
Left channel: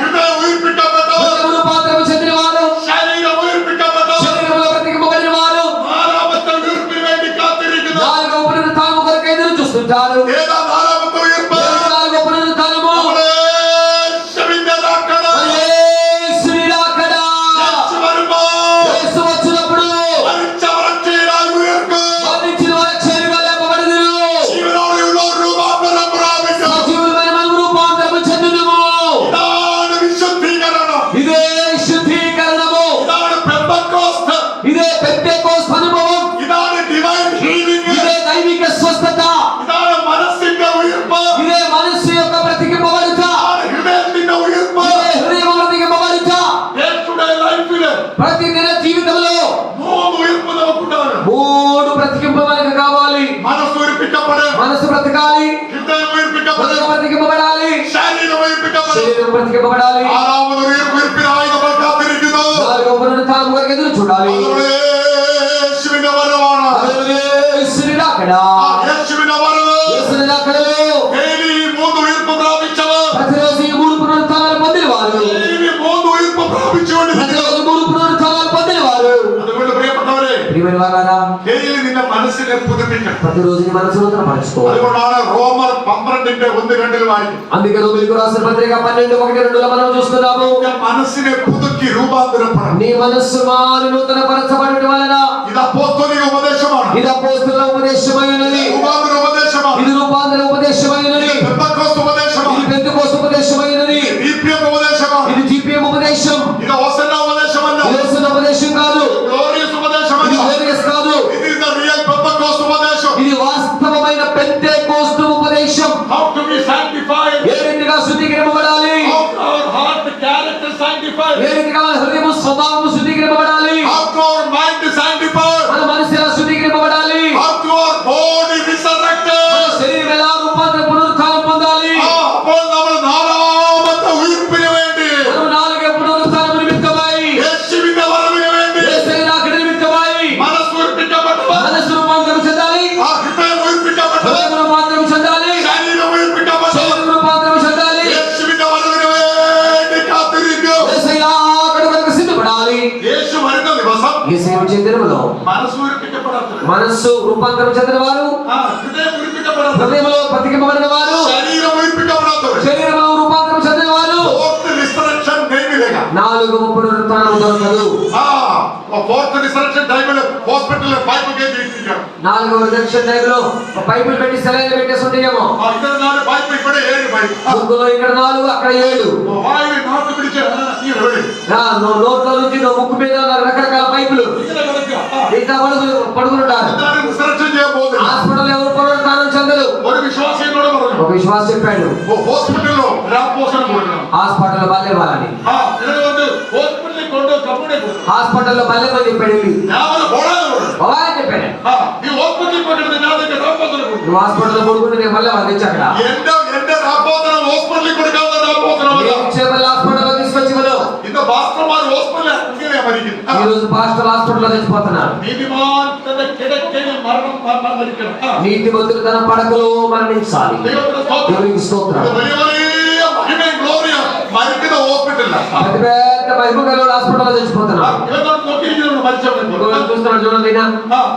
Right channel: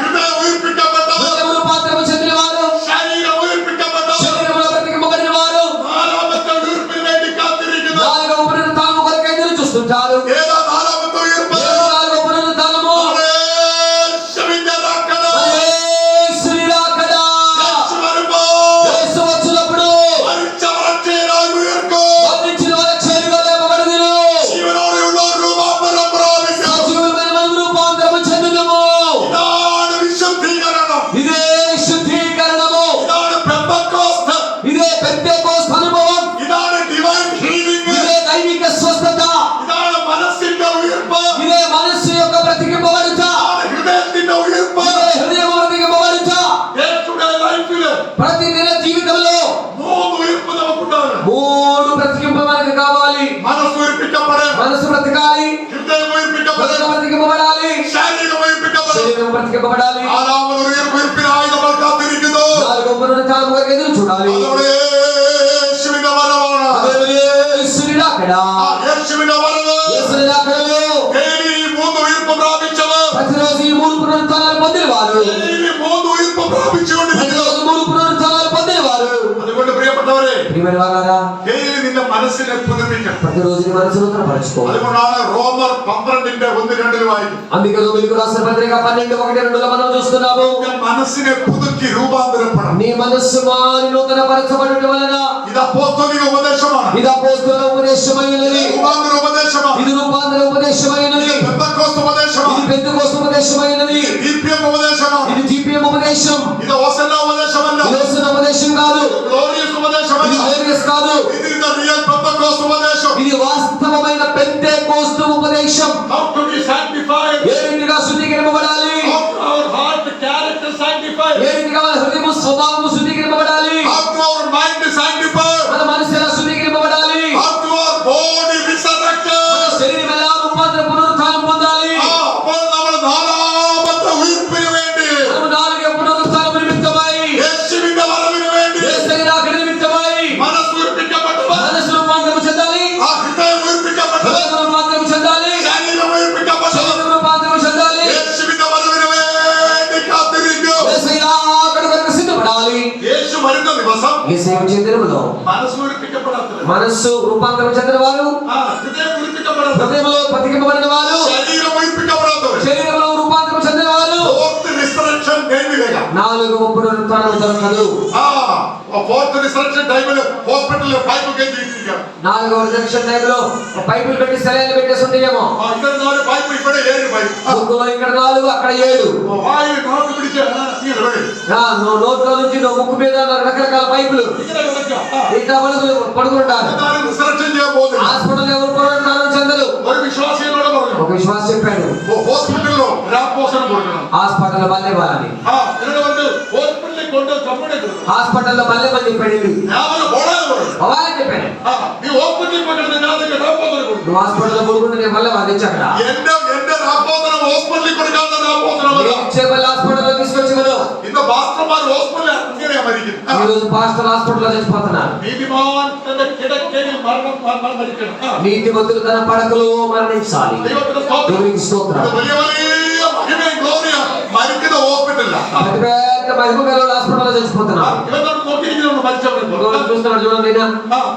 ഹൃദയം ഉയർപ്പിക്കപ്പെട്ടവർ. హృదయము రూపాంతరము చెందినవారు, ശരീരം ഉയർപ്പിക്കപ്പെട്ടവർ. శరీరములో బ్రతికింపబడిన వారు നാലാമത്തെ ഉയർപ്പിന് വേണ്ടി കാത്തിരിക്കുന്നു. నాలుగవ పునరుత్థానము కొరకు ఎదురు చూస్తుంటారు. ഏതാ നാലാമത്തെ ഉയർപ്പ്? నాలుగవ పునరుత్థానము നമ്മുടെ യേശുവിന്റെ രാക്കട. యేసుని రాకడ. യേശു വരുമ്പോൾ యేసు వచ్చినప్పుడు മരിച്ചവർ അക്ഷയരായി ഉയർക്കും. మరణించిన వారు చేరుగా లేపబడుదురు. ജീവനോടെയുള്ള ഒരു രൂപാന്തരം പ്രാപിക്കും. సజీవులమైన మనము రూపాంతరము చెందుదుము. ഇതാണ് വിശുദ്ധീകരണം. ఇదే శుద్ధీకరణము. ഇതാണ് പെന്തക്കോസ്ത്. ఇదే పెంతెకోస్తు అనుభవం. ഇതാണ് ഡിവൈൻ ഹീലിംഗ്. ఇదే దైవిక స్వస్థత. ഇതാണ് മനസ്സിന്റെ ഉയർപ്പ്. ఇదే మనస్సు యొక్క బ్రతికింపబడుట. ഇതാണ് ഹൃദയത്തിന്റെ ഉയർപ്പ്. ఇదే హృదయం బ్రతికింపబడుట. യേശുയുടെ ലൈഫില് ప్రతిదిన జీవితంలో മൂന്ന് ഉയർപ്പ് നമുക്കുണ്ടാകണം. మూడు బ్రతికింపు మనకు కావాలి. മനസ്സ് ഉയർപ്പിക്കപ്പെടണം. మనసు బ్రతకాలి, ഹൃദയം ഉയർപ്പിക്കപ്പെടണം. బ్రతికింపబడాలి, ശരീരം ഉയർപ്പിക്കപ്പെടണം. శరీరం బ్రతికింపబడాలి. നാലാമത് ഉയർപ്പിനായി നമ്മൾ കാത്തിരിക്കുന്നു. నాలుగవ పునరుత్థానం కొరకు ఎదురు చూడాలి. അതോടെ യേശുവിന്റെ വരവാണ്. హల్లెలూయా. యేసుని రాకడ. യേശുവിന്റെ വരവ്. యేసుని రాకడలో ഡെയിലി മൂന്ന് ഉയർപ്പ് പ്രാപിച്ചവർ. ప్రతిరోజు ఈ మూడు పునరుత్థానాలు పొందినవారు, ഡെയിലി മൂന്ന് ഉയർപ്പ് പ്രാപിച്ചുകൊണ്ടിരിക്കുന്നു. ప్రతిరోజు మూడు పునరుత్థానాలు పొందినవారు. അതുകൊണ്ട് പ്രിയപ്പെട്ടവരെ, ప్రియమైన వారారా, ഡെയിലി നിന്റെ മനസ്സിനെ పుതുപ്പിക്കണം. ప్రతిరోజు నీ మనసు నూతనపరచుకోవాలి. അതുകൊണ്ടാണ് റോമർ 12:1-2 വായിക്കും. అందుకే రోమీయులకు రాసిన పత్రిక 12:1-2 మనం చూస్తున్నాము. നിന്റെ മനസ്സിനെ പുതുക്കി രൂപാന്തരപ്പെടണം. నీ మనస్సు మారి నూతనపరచబడుట వలన ഇത് അപ്പോസ്തലിക ഉപദേശമാണ്. ఇది అపోస్తలుల ఉపదేశమైనది. രൂപാന്തര ഉപദേശമാണ്. ఇది రూపాంతర ఉపదేశమైనది. ഇത് പെന്തക്കോസ്ത് ഉപദേശമാണ്. ఇది పెంతెకోస్తు ఉపదేశమైనది. DPM ఉపദേശമാണ്. ఇది జీపీఎం ఉపదేశం. ഇത് ഹോസന്ന ഉപദേശമല്ല. ఇది యేసు ఉపదేశం కాదు. ഗ്ലോറിയസ് ఇది ഉപദേശമല്ല. గ్లోరియస్ కాదు. It is the real Pentecost ఉపదేశం. ఇది వాస్తవమైన పెంతెకోస్తు ఉపదేశం. How to be sanctified. ఏ రీతిగా శుద్ధీకరింపబడాలి, How to our heart character sanctified. ఏ రీతిగా మన హృదయము స్వభావము శుద్ధీకరింపబడాలి, How to our mind sanctified. మన మనసు ఎలా శుద్ధీకరింపబడాలి, How to our body resurrected. శరీరం ఎలా రూపాంతర పునరుత్థానం పొందాలి. അപ്പോൾ നമ്മൾ നാലാമത്തെ ഉയർപ്പിന് വേണ്ടി, మనము నాలుగే పునరుత్థానం నిమిత్తమై, യേശുവിന്റെ വരവിന് വേണ്ടി యేసు రాకడ నిమిత్తమై മനസ്സ് ഉയർപ്പിക്കപ്പെട്ടവർ. మనసు రూపాంతరం చెందాలి, ആ ഹൃദയം ഉയർപ്പിക്കപ്പെട്ടവർ. హృదయం రూపాంతరం చెందాలి, ശരീരം ഉയർപ്പിക്കപ്പെട്ടവർ. శరీరం రూపాంతరం చెందాలి. യേശുവിന്റെ വരവിന് വേണ്ടി കാത്തിരിക്കും. యేసయ్య రాకడ కొరకు సిద్ధపడాలి. യേശു വരുന്ന ദിവസം యేసయ్య వచ్చే దినములో മനസ്സ് ഉയർപ്പിക്കപ്പെടാത്തവർ. మనస్సు రూపాంతరం చెందిన వారు, ഹൃദയം ഉയർപ്പിക്കപ്പെടാത്തവർ. హృదయంలో బ్రతికింపబడిన వారు, ശരീരം ഉയർപ്പിക്കപ്പെടാത്തവർ. శరీరంలో రూపాంతరం చెందిన వారు ഫോർത്ത് റിസറക്ഷൻ ടൈമിലേക്കാ. నాలుగవ పునరుత్థానం దొరకదు. ഫോർത്ത് റിസറക്ഷൻ ടൈമില് ഹോസ്പിറ്റലിൽ പൈപ്പ് കയറ്റിയിരിക്കുകയാണ്. నాలుగవ రిజెక్షన్ టైంలో పైపులు పెట్టి సెలైన్లు పెట్టేసి ఉంటాయేమో. ഇതൊരു 4 പൈപ്പ്, ഇവിടെ 7 പൈപ്പ്. ముగ్గులో ఇక్కడ 4 అక్కడ 7. വായു നാട്ടു പിടിച്ച് ഈ റോഡിൽ నోట్లో నుంచి ముక్కు మీద రకరకాల పైపులు ഇങ്ങനെ കിടക്കുക. ఇంకా పడుకుంటారు. എന്താണ് റിസറക്ഷൻ ചെയ്യാൻ പോകുന്നത്? హాస్పిటల్ ఎవరు పునరుత్థానం చెందరు. ഒരു വിശ്വാസിയോട് പറഞ്ഞു, ఒక విశ్వాస చెప్పాడు, ഹോസ്പിറ്റലിലോ രാപ്പോസനം കൊടുക്കണം. హాస్పిటల్ మళ్ళీ వాళ్ళని ഇതിനെ വന്ന് ഹോസ്പിറ്റലിൽ കൊണ്ട് കമ്പ്യൂട്ടർ കൊടുക്കണം. హాస్పిటల్లో మళ్ళీ మంది చెప్పాడు. ഞാൻ ഒരു പോടാതെ പറഞ്ഞു, వాళ్ళని చెప్పాను, ഈ ഹോസ്പിറ്റലിൽ പോയി കിടന്ന് ഞാൻ നിന്റെ രാപ്പോസനം കൊടുക്കും. నువ్వు హాస్పిటల్లో పడుకుంటే నేను మళ్ళీ వాళ్ళు ఇచ్చాక എന്റെ രാപ്പോസനം ഹോസ്പിറ്റലിൽ കൊടുക്കാത്ത രാപ്പോസനമല്ല. మళ్ళీ హాస్పిటల్లో తీసుకొచ్చి మనం ഇന്ന് പാസ്റ്റർമാർ ഹോസ്പിറ്റലിൽ അങ്ങനെയാ മരിക്കുന്നത്. ఈరోజు పాస్టర్ హాస్పిటల్లో చచ్చిపోతున్నారు. നീതിമാൻ തന്റെ കിടക്കയിൽ മരിക്കണം. నీతిమంతులు తన పడకలో మరణించాలి. ദൈവത്തിന്റെ സ്തോത്രം. దేవునికి స్తోత్రం. ഇത് വലിയ വലിയ മഹിമയും ഗ്ലോറിയാണ്. മരിക്കുന്ന ഹോസ്പിറ്റലിലാണ്. పెద్ద పెద్ద మహిమ గల హాస్పిటల్లో చచ్చిపోతున్నారు. ഇവരോട് നോക്കിയിരിക്കുന്നുണ്ട് മരിച്ചവരെ. ఇంకొకరు చూస్తున్నాడు చూడండి.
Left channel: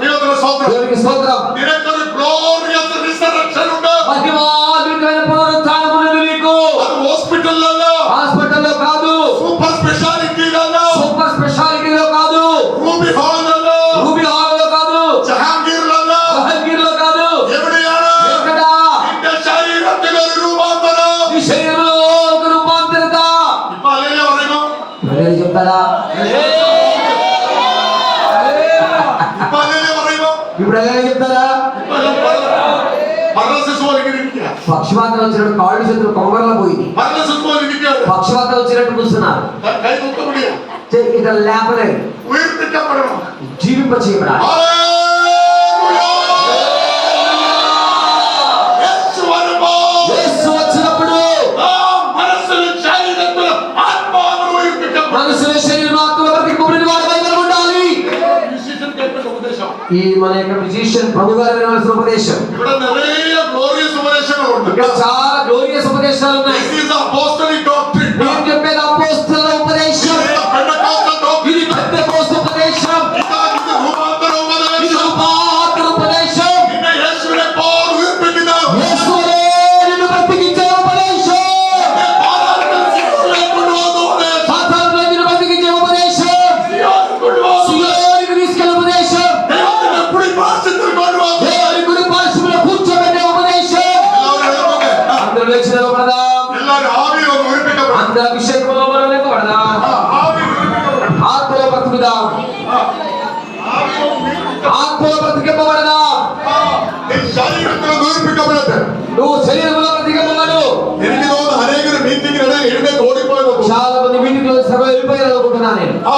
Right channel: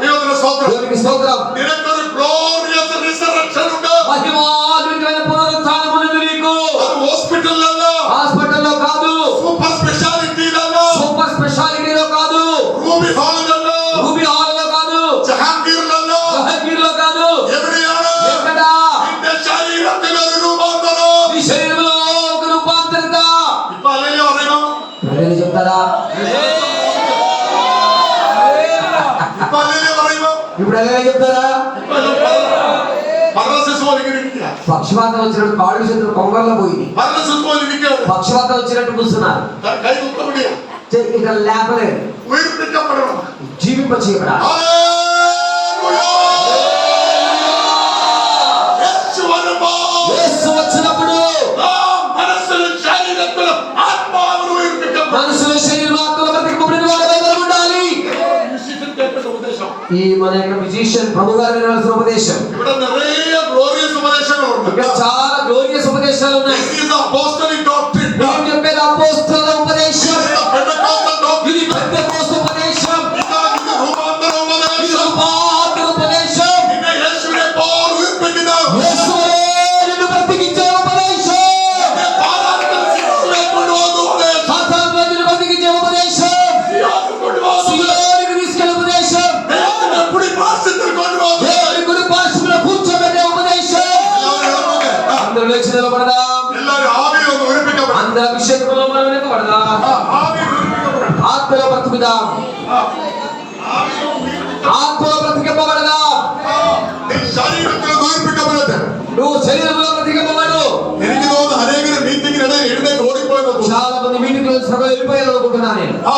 ദൈവത്തിന്റെ സ്തോത്രം. దేవునికి స్తోత్రం. നിനക്കൊരു ഗ്ലോറിയസ് റിസറക്ഷൻ ഉണ്ട്. మహిమాన్వితమైన పునరుత్థానం ఉన్నది నీకు. അത് ഹോസ്പിറ്റലിലല്ല, హాస్పిటల్లో కాదు, സൂപ്പർ സ്പെഷ്യാലിറ്റിയിലല്ല, సూపర్ స్పెషాలిటీలో కాదు, റൂബി ഹാളിലല്ല, రూబీ హాల్లో కాదు, ജഹാംഗീറിലല്ല. జహంగీర్లో కాదు. എവിടെയാണ്? ఎక్కడ చెప్తారా? ഇപ്പൊ അല്ലേ പറയുമ്പോ ఇప్పుడు ఎలా చెప్తారా? മരണ ശിശുവാണെങ്കിൽ ഇരിക്കുക. పక్షవాతం వచ్చినట్టు కాళ్ళు చేతులు కొంగల్లో పోయింది. മരണ ശിശുവാൽ ഇരിക്കുകയാണ്. పక్షవాతం వచ్చినట్టు కూర్చున్నారు. കൈ തൂക്ക മുടിയും. ఇక లేపలేదు. ഉയർത്തിക്കപ്പെടണം. జీవింప చేయబడాలి. യേശു വരുമ്പോ యేసు వచ్చినప్పుడు മനസ്സിലും ശരീരത്തിലും ആത്മാവിനും ഉയർത്തിക്കപ്പെടും. మనసులో శరీరం ఆత్మలో బ్రతికిపోయిన వాడు బైబిల్ ఉండాలి. ഉപദേശം ఈ మన యొక్క మ్యూజిషియన్ ప్రభు గారు వినాల్సిన ఉపదేశం. ഇവിടെ നിറയെ ഗ്ലോറിയസ് ഉപദേശങ്ങളുണ്ട്. ఇక్కడ చాలా గ్లోరియస్ ఉపదేశాలు ఉన్నాయి. This is apostolic doctrine. నేను చెప్పేది అపోస్తలుల ఉపదేశం. ఇది పెంటెకోస్టల్ doctrine. ఇది పెంటెకోస్తు ఉపదేశం. ఇది రూపాంతర ఇది ఉపదేశం. రూపాంతర ఉపదేశం. నిన్న యేసునే పౌలు ఉయిర్పించిన యేసువే నిన్ను బ్రతికించే ఉపదేశం. పాదాలకు శిక్షణ కొడువదు ఉపదేశం. సాతానును నిన్ను బ్రతికించే ఉపదేశం. సియోను కొడువదు. సియోనుకు తీసుకెళ్ళే ఉపదేశం. దేవుని కుడి పార్శ్వത്തിൽ కొడువదు. దేవుని కుడి పార్శ్వమున కూర్చోబెట్టే ఉపదేశం. అందరూ లేచి నిలబడదాం. എല്ലാവരും ആവിയിൽ ഒന്ന് ഉയർപ്പിക്കപ്പെടും. అందరూ అభిషేకంలో మనం నిలబడదాం. ആവിയിൽ ഉയർപ്പിക്കപ്പെടും. ఆత్మలో బ్రతుకుదాం. ఆత్మలో బ్రతికింపబడదాం. നീ ശരീരത്തിൽ ഉയർപ്പിക്കപ്പെടട്ടെ. నువ్వు శరీరంలో బ్రతికింపబడు. എനിക്ക് തോന്നുന്നു അനേകരും മീറ്റിംഗിനിടെ എഴുന്നേറ്റ് ഓടിപ്പോയെന്ന് തോന്നുന്നു. చాలా మంది మీటింగ్ లో సభ వెళ్ళిపోయారు అనుకుంటున్నాను నేను. ആ